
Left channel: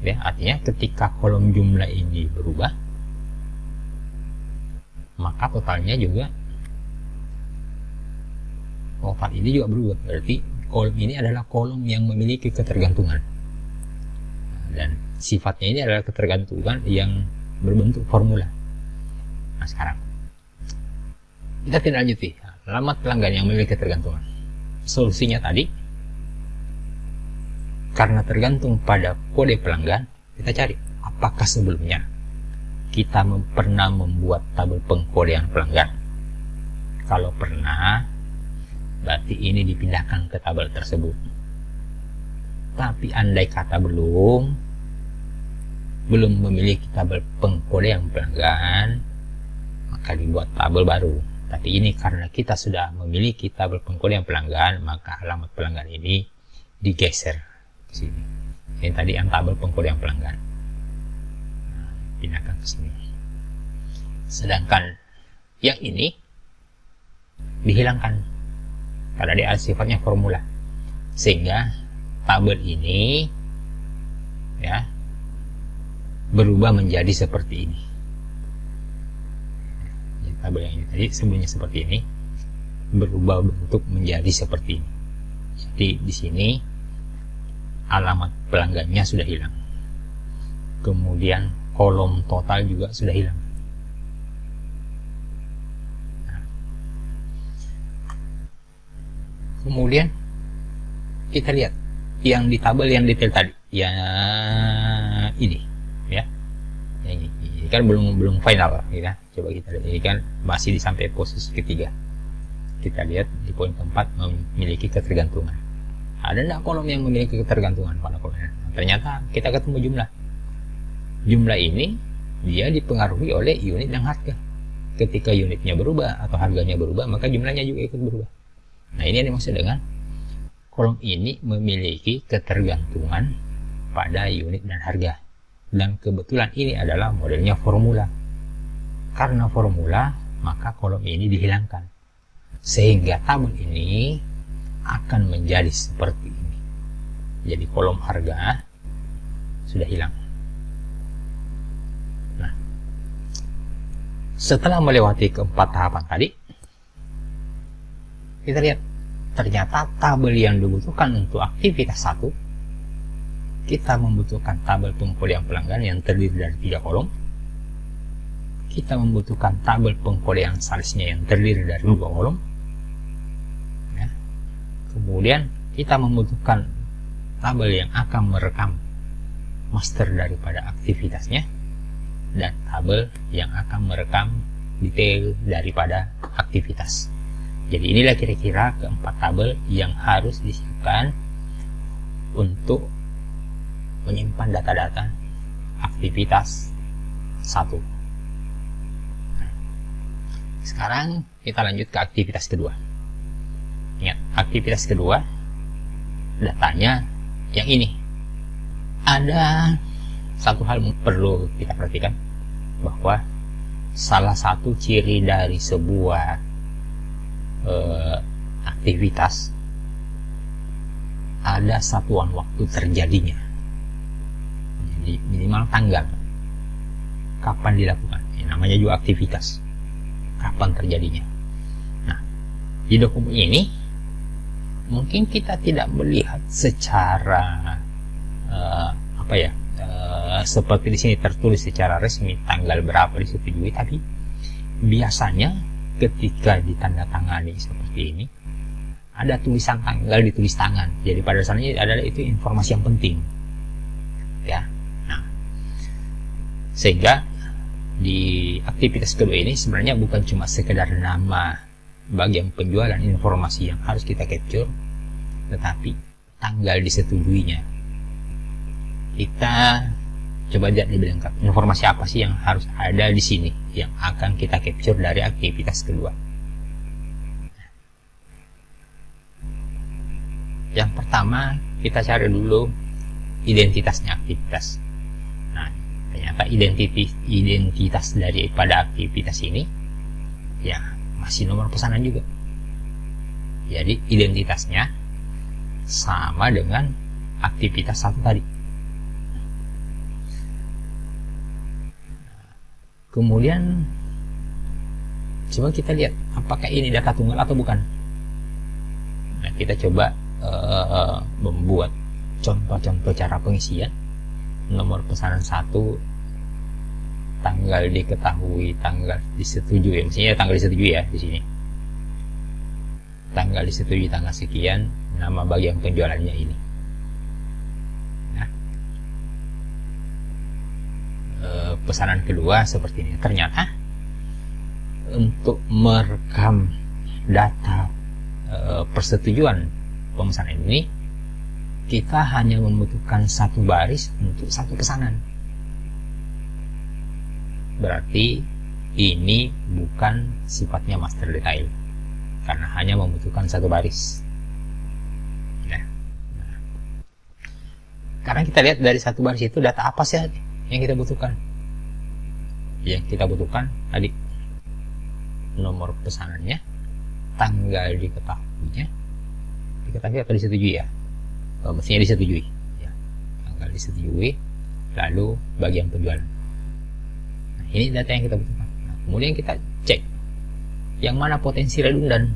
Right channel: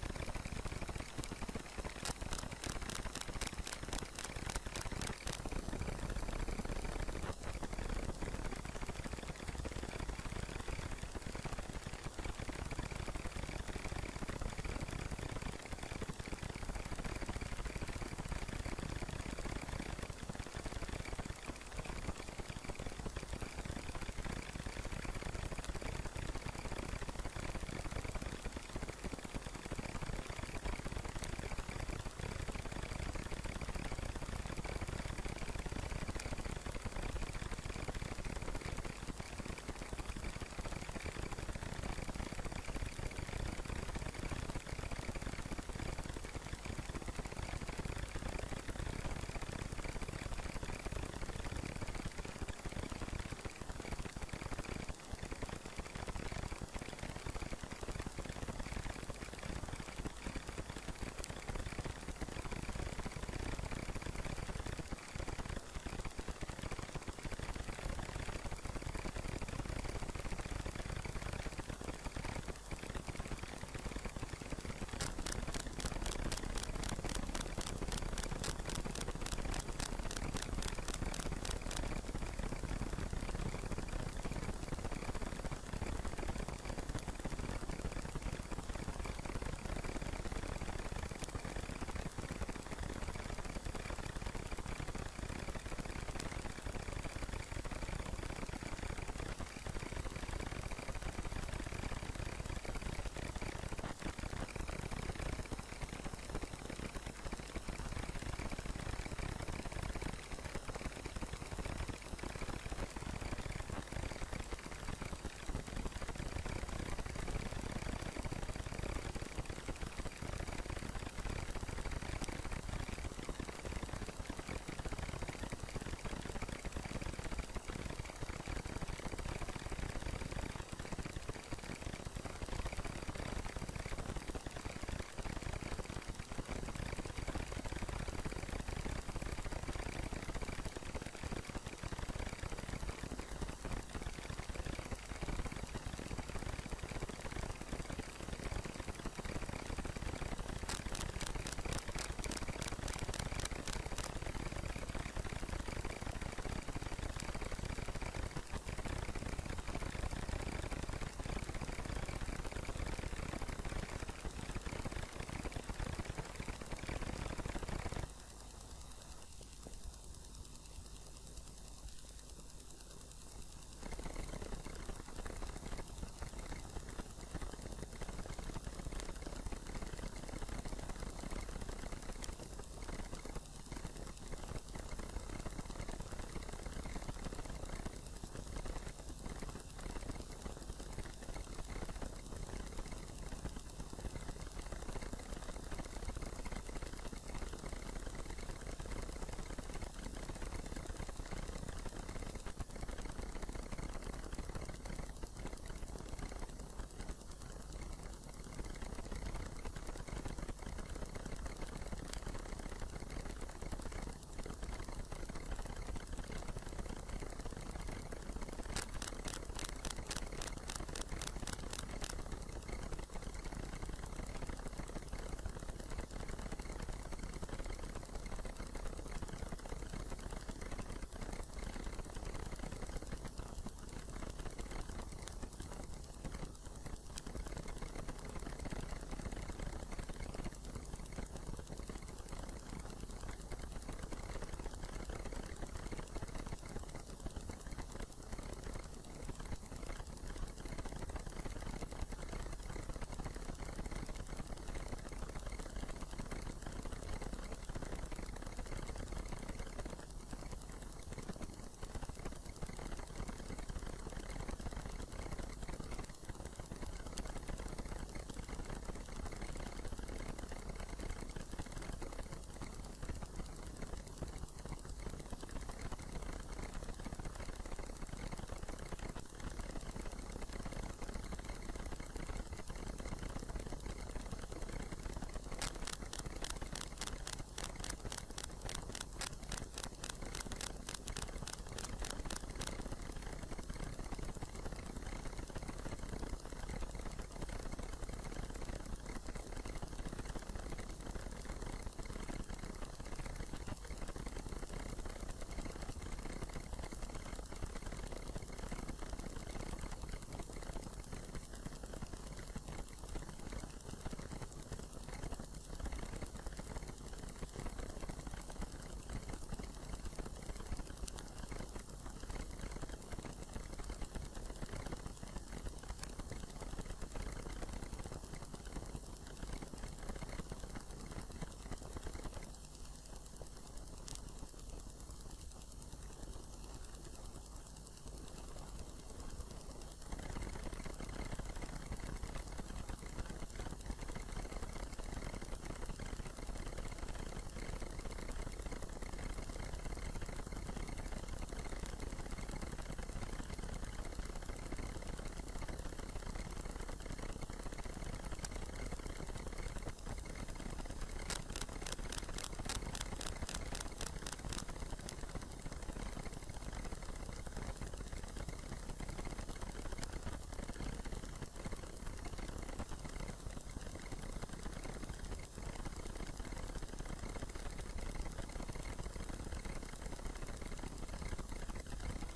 Ya, artinya ketika kolom jumlah ini berubah, maka totalnya juga, total ini juga berubah. Berarti kolom ini adalah kolom yang memiliki ketergantungan. Dan sifatnya ini adalah ketergantungan yang berbentuk formula. Nah, sekarang kita tidak lanjuti. Alamat pelanggan yang memiliki ketergantungan. Solusinya tadi, karena tergantung pada kode pelanggan, kita cari apakah sebelumnya kita pernah membuat tabel pengkodean pelanggan. Kalau pernah, berarti ini dipindahkan ke tabel tersebut. Tapi andai kata belum memiliki tabel pengkodean pelanggan, maka dibuat tabel baru. Tapi ini karena kita sudah memiliki tabel pengkodean pelanggan, maka alamat pelanggan ini digeser sini. Ini tadi yang tabel pengkodean pelanggan, pindahkan ke sini. Sedangkan yang ini dihilangkan karena dia sifatnya formula, sehingga tabel ini, ya, berubah menjadi seperti ini. Tabel yang tadi sebenarnya seperti ini berubah bentuk menjadi seperti ini. Jadi di sini alamat pelanggannya sudah hilang, kemudian kolom total juga sudah hilang. Kemudian kita lihat yang di tabel yang detail tadi, ya ini, ya, ini kan belum final, ya. Coba kita lihat, ini kan masih di sampai posisi ketiga. Kita lihat di poin keempat, memiliki ketergantungan. Ada enggak kolom yang memiliki ketergantungan pada kolom? Ternyata kita ketemu jumlah. Jumlah ini dia dipengaruhi oleh unit dan harga. Ketika unitnya berubah atau harganya berubah, maka jumlahnya juga ikut berubah. Nah, ini yang dimaksud dengan kolom ini memiliki ketergantungan pada unit dan harga. Dan kebetulan ini adalah modelnya formula. karena formula, maka kolom ini dihilangkan. Sehingga tabel ini akan menjadi seperti ini. Jadi kolom harga sudah hilang. Nah, setelah melewati keempat tahapan tadi, kita lihat ternyata tabel yang dibutuhkan untuk aktivitas 1, kita membutuhkan tabel pengkodean pelanggan yang terdiri dari 3 kolom. Kita membutuhkan tabel pengkodean salesnya yang terdiri dari 2 kolom. Ya. Kemudian kita membutuhkan tabel yang akan merekam master daripada aktivitasnya, dan tabel yang akan merekam detail daripada aktivitas. Jadi inilah kira-kira keempat tabel yang harus disiapkan untuk menyimpan data-data aktivitas 1. Sekarang kita lanjut ke aktivitas kedua. Ingat, aktivitas kedua datanya yang ini. Ada satu hal yang perlu kita perhatikan, bahwa salah satu ciri dari sebuah aktivitas ada satuan waktu terjadinya. Jadi minimal tanggal kapan dilakukan. Namanya juga aktivitas, kapan terjadinya. Nah, di dokumen ini mungkin kita tidak melihat secara seperti di sini tertulis secara resmi tanggal berapa disetujui, tapi biasanya ketika ditandatangani seperti ini ada tulisan tanggal ditulis tangan. Jadi pada dasarnya adalah itu informasi yang penting, ya. Nah, sehingga di aktivitas kedua ini sebenarnya bukan cuma sekedar nama bagian penjualan, informasi yang harus kita capture, tetapi tanggal disetujuinya. Kita coba lihat lebih lengkap informasi apa sih yang harus ada di sini yang akan kita capture dari aktivitas kedua. Yang pertama, kita cari dulu identitasnya aktivitas. Nah, ternyata identitas daripada aktivitas ini ya masih nomor pesanan juga. Jadi identitasnya sama dengan aktivitas 1 tadi. Kemudian coba kita lihat apakah ini data tunggal atau bukan. Nah, kita coba membuat contoh-contoh cara pengisian. Nomor pesanan 1, tanggal diketahui, tanggal disetujui. Misalnya tanggal disetujui ya di sini. Tanggal disetujui tanggal sekian, nama bagian penjualannya ini. Pesanan kedua seperti ini. Ternyata untuk merekam data persetujuan pemesanan ini, kita hanya membutuhkan 1 baris untuk 1 pesanan. Berarti ini bukan sifatnya master detail karena hanya membutuhkan 1 baris. Ya. Karena kita lihat dari 1 baris itu data apa sih yang kita butuhkan. Yang kita butuhkan tadi nomor pesanannya, tanggal diketahuinya, atau disetujui ya, mestinya disetujui ya. Tanggal disetujui, lalu bagian penjualan. Nah, ini data yang kita butuhkan. Kemudian kita cek yang mana potensi redundan.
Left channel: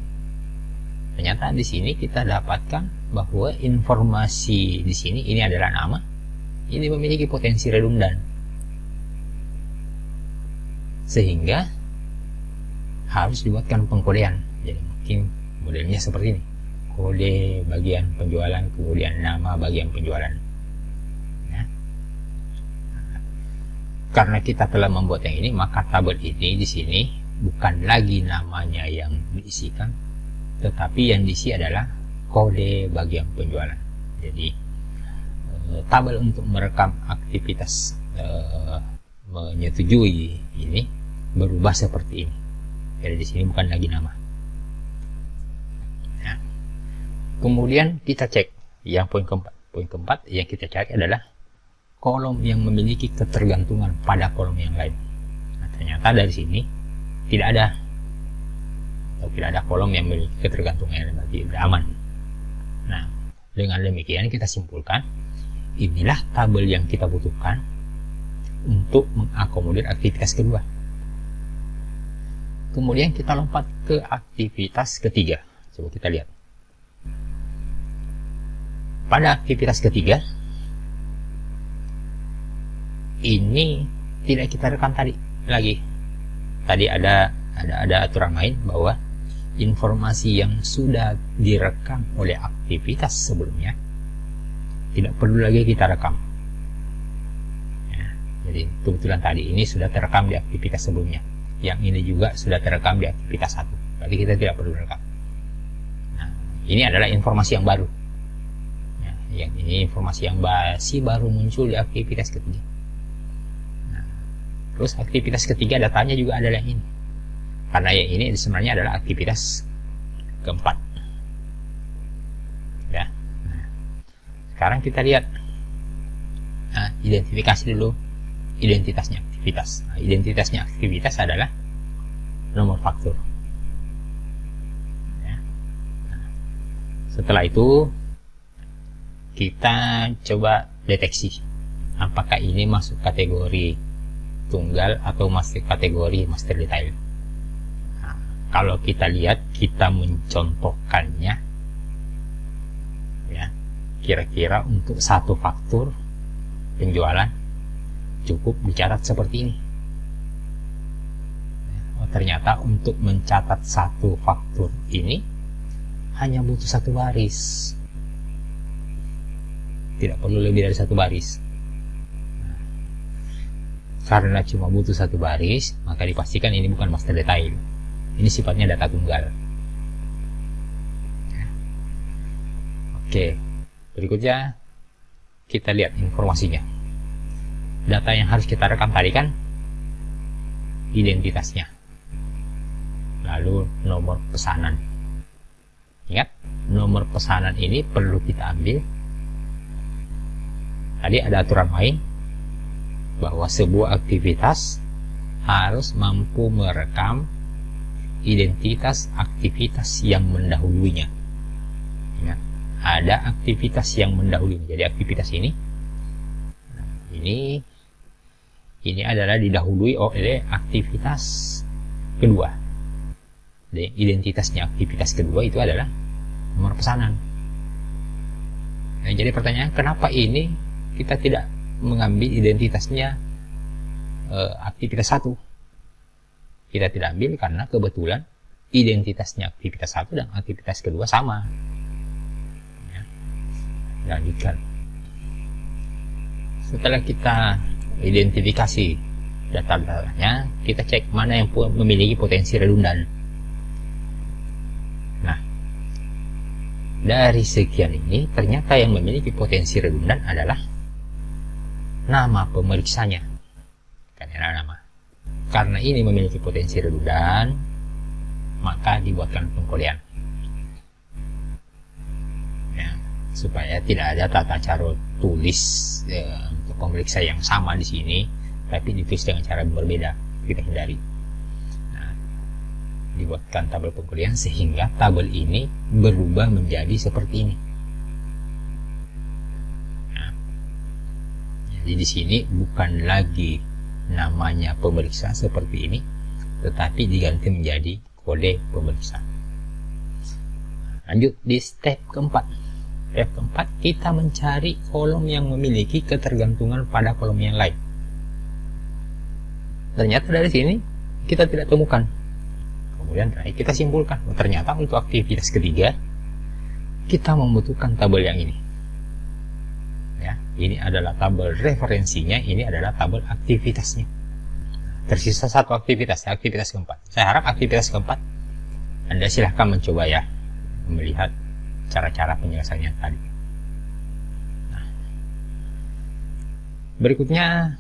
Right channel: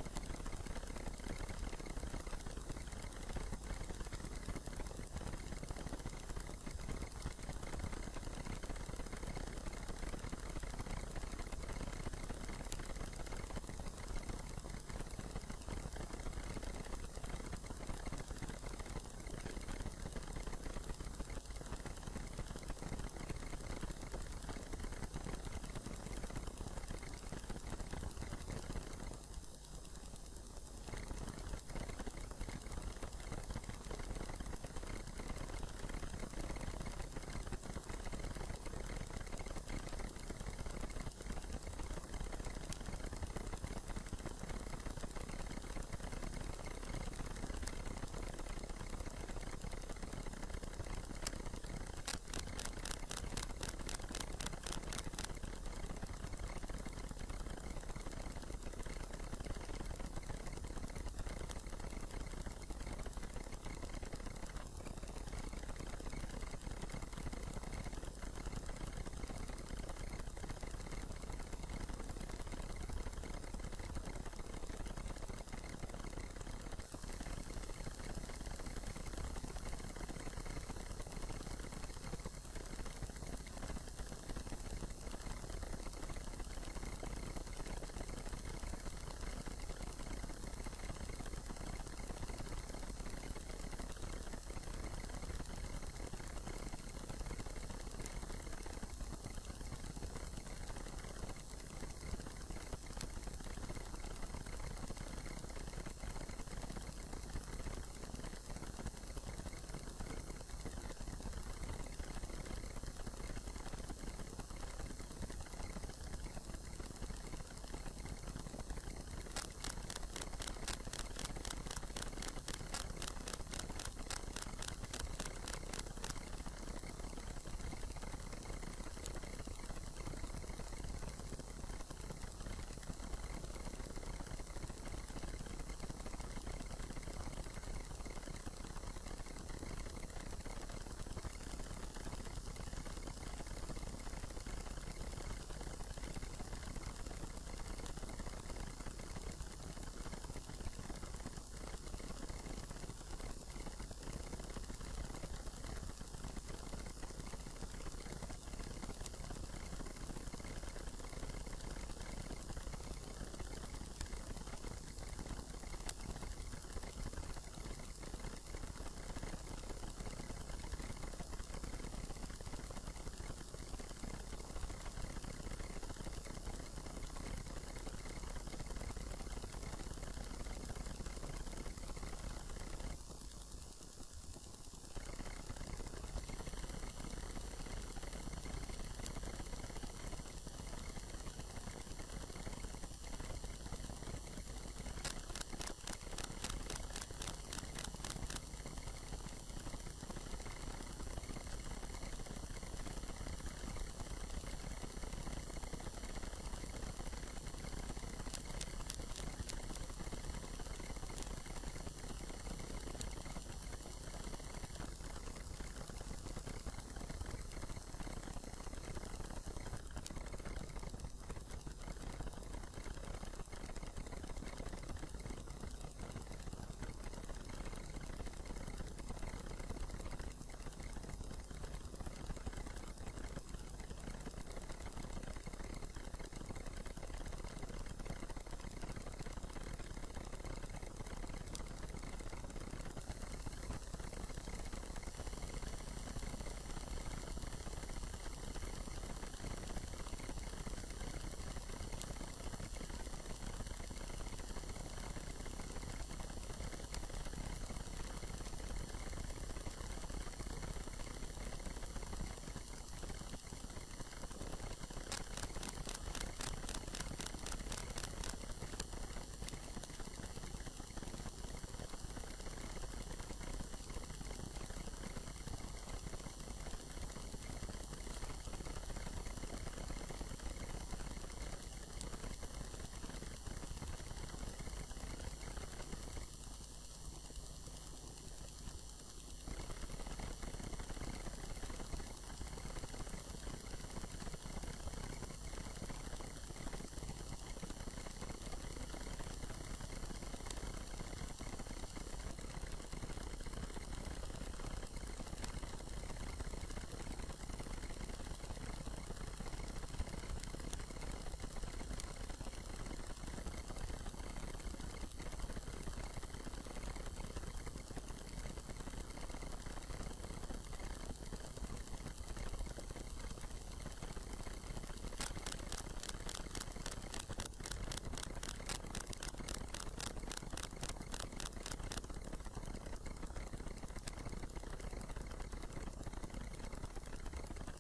Ternyata di sini kita dapatkan bahwa informasi di sini ini adalah nama, ini memiliki potensi redundan, sehingga harus dibuatkan pengkodean. Jadi mungkin modelnya seperti ini, kode bagian penjualan, kemudian nama bagian penjualan ya. Karena kita telah membuat yang ini, maka tabel ini di sini bukan lagi namanya yang diisikan, tetapi yang diisi adalah kode bagian penjualan. Jadi tabel untuk merekam aktivitas menyetujui ini berubah seperti ini. Jadi di sini bukan lagi nama. Nah, kemudian kita cek yang poin keempat. Poin keempat yang kita cari adalah kolom yang memiliki ketergantungan pada kolom yang lain. Nah, Ternyata dari sini tidak ada, atau tidak ada kolom yang memiliki ketergantungan, berarti aman. Nah, dengan demikian kita simpulkan inilah tabel yang kita butuhkan untuk mengakomodir aktivitas kedua. Kemudian kita lompat ke aktivitas ketiga. Coba kita lihat. Pada aktivitas ketiga, ini tidak kita rekam lagi. Tadi ada aturan main bahwa informasi yang sudah direkam oleh aktivitas sebelumnya tidak perlu lagi kita rekam. Ya, jadi kebetulan tadi ini sudah terekam di aktivitas sebelumnya. Yang ini juga sudah terekam di aktivitas 1. Berarti kita tidak perlu rekam. Nah, ini adalah informasi yang baru. Ya, yang ini informasi yang baru muncul di aktivitas ketiga. Nah, terus aktivitas ketiga datanya juga adalah ini. Karena yang ini sebenarnya adalah aktivitas keempat. Ya. Nah, sekarang kita lihat. Nah, identifikasi dulu identitasnya aktivitas. Nah, identitasnya aktivitas adalah nomor faktur. Ya. Nah, setelah itu kita coba deteksi apakah ini masuk kategori tunggal atau masuk kategori master detail. Nah, kalau kita lihat, kita mencontohkannya, ya, kira-kira untuk satu faktur penjualan cukup dicatat seperti ini. Oh, ternyata untuk mencatat satu faktur ini hanya butuh satu baris, tidak perlu lebih dari satu baris. Karena cuma butuh satu baris, maka dipastikan ini bukan master detail, ini sifatnya data tunggal. Oke, berikutnya kita lihat informasinya. Data yang harus kita rekam tadi kan identitasnya, lalu nomor pesanan. Ingat, nomor pesanan ini perlu kita ambil. Tadi ada aturan main bahwa sebuah aktivitas harus mampu merekam identitas aktivitas yang mendahulunya. Ingat, ada aktivitas yang mendahului. Jadi aktivitas ini adalah didahului oleh aktivitas kedua. Jadi identitasnya aktivitas kedua itu adalah nomor pesanan. Nah, jadi pertanyaan, kenapa ini kita tidak mengambil identitasnya aktivitas 1? Kita tidak ambil karena kebetulan identitasnya aktivitas 1 dan aktivitas kedua sama. Ya. Lanjutkan. Setelah kita identifikasi data-datanya, kita cek mana yang memiliki potensi redundan. Nah, dari sekian ini ternyata yang memiliki potensi redundan adalah nama pemeriksanya. Karena ini memiliki potensi redundan, maka dibuatkan pengkodean, ya, supaya tidak ada tata cara tulis untuk pemeriksa yang sama di sini, tapi ditulis dengan cara berbeda, kita hindari. Nah, dibuatkan tabel pengkodean sehingga tabel ini berubah menjadi seperti ini. Nah, jadi di sini bukan lagi namanya pemeriksa seperti ini, tetapi diganti menjadi kode pemeriksa. Lanjut di step keempat. Step keempat, kita mencari kolom yang memiliki ketergantungan pada kolom yang lain. Ternyata dari sini kita tidak temukan. Kemudian kita simpulkan, ternyata untuk aktivitas ketiga kita membutuhkan tabel yang ini. Ya, ini adalah tabel referensinya, ini adalah tabel aktivitasnya. Tersisa satu aktivitas, aktivitas keempat. Saya harap aktivitas keempat Anda silahkan mencoba ya, melihat cara-cara penyelesaiannya tadi. Nah, berikutnya,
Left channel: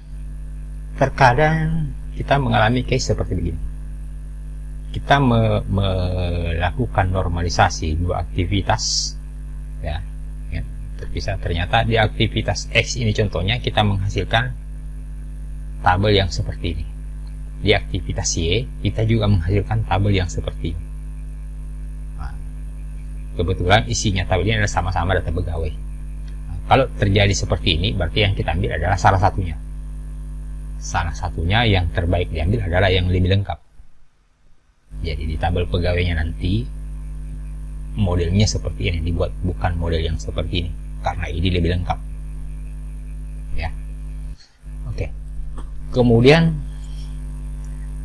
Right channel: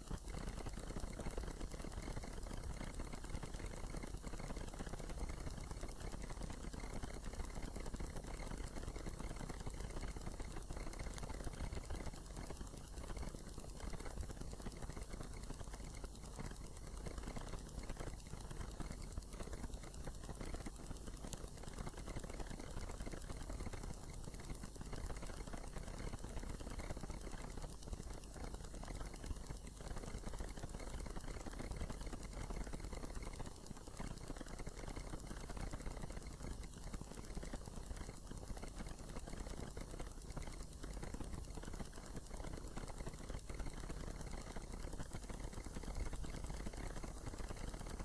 terkadang kita mengalami case seperti begini. Kita melakukan normalisasi dua aktivitas, ya, terpisah. Ternyata di aktivitas X ini contohnya kita menghasilkan tabel yang seperti ini. di aktivitas Y kita juga menghasilkan tabel yang seperti ini. Nah, kebetulan isinya tabel ini adalah sama-sama data pegawai. Nah, kalau terjadi seperti ini, berarti yang kita ambil adalah salah satunya. Salah satunya yang terbaik diambil adalah yang lebih lengkap. Jadi di tabel pegawainya nanti modelnya seperti ini dibuat, bukan model yang seperti ini, karena ini lebih lengkap. Ya, oke. Kemudian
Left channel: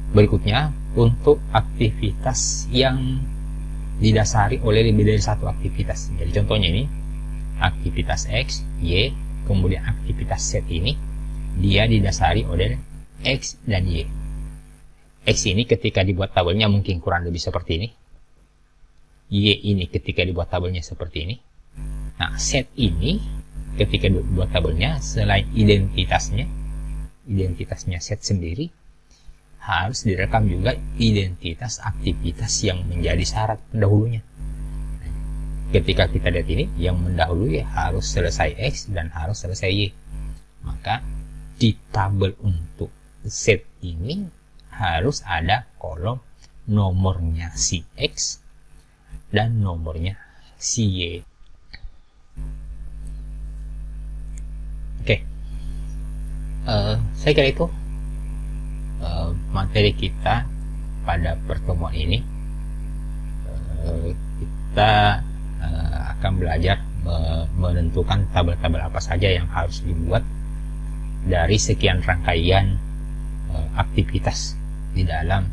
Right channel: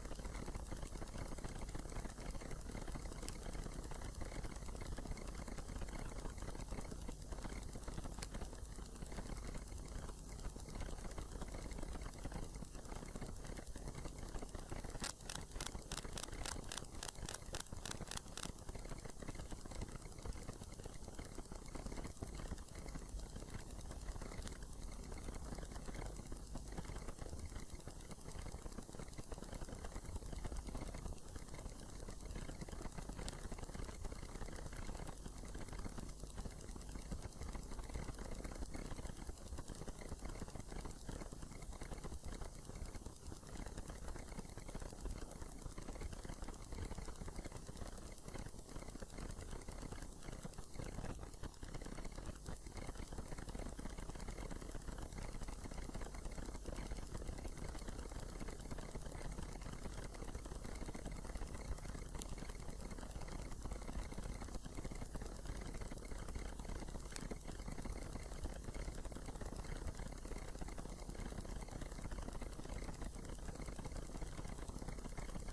berikutnya untuk aktivitas yang didasari oleh lebih dari satu aktivitas. Jadi contohnya ini aktivitas X, Y, kemudian aktivitas Z ini dia didasari oleh X dan Y. X ini ketika dibuat tabelnya mungkin kurang lebih seperti ini. Y ini ketika dibuat tabelnya seperti ini. Nah, Z ini ketika dibuat tabelnya, selain identitasnya Z sendiri, harus direkam juga identitas aktivitas yang menjadi syarat pendahulunya. Ketika kita lihat ini, yang mendahului harus selesai X dan harus selesai Y. Maka di tabel untuk Z ini harus ada kolom nomornya si X dan nomornya si Y. Oke, saya kira itu materi kita pada pertemuan ini. Kita akan belajar menentukan tabel-tabel apa saja yang harus dibuat dari sekian rangkaian aktivitas di dalam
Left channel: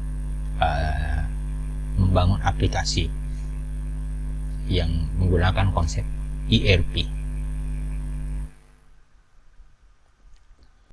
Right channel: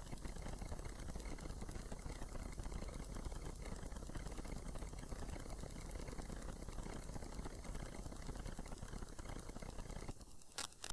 membangun aplikasi yang menggunakan konsep ERP.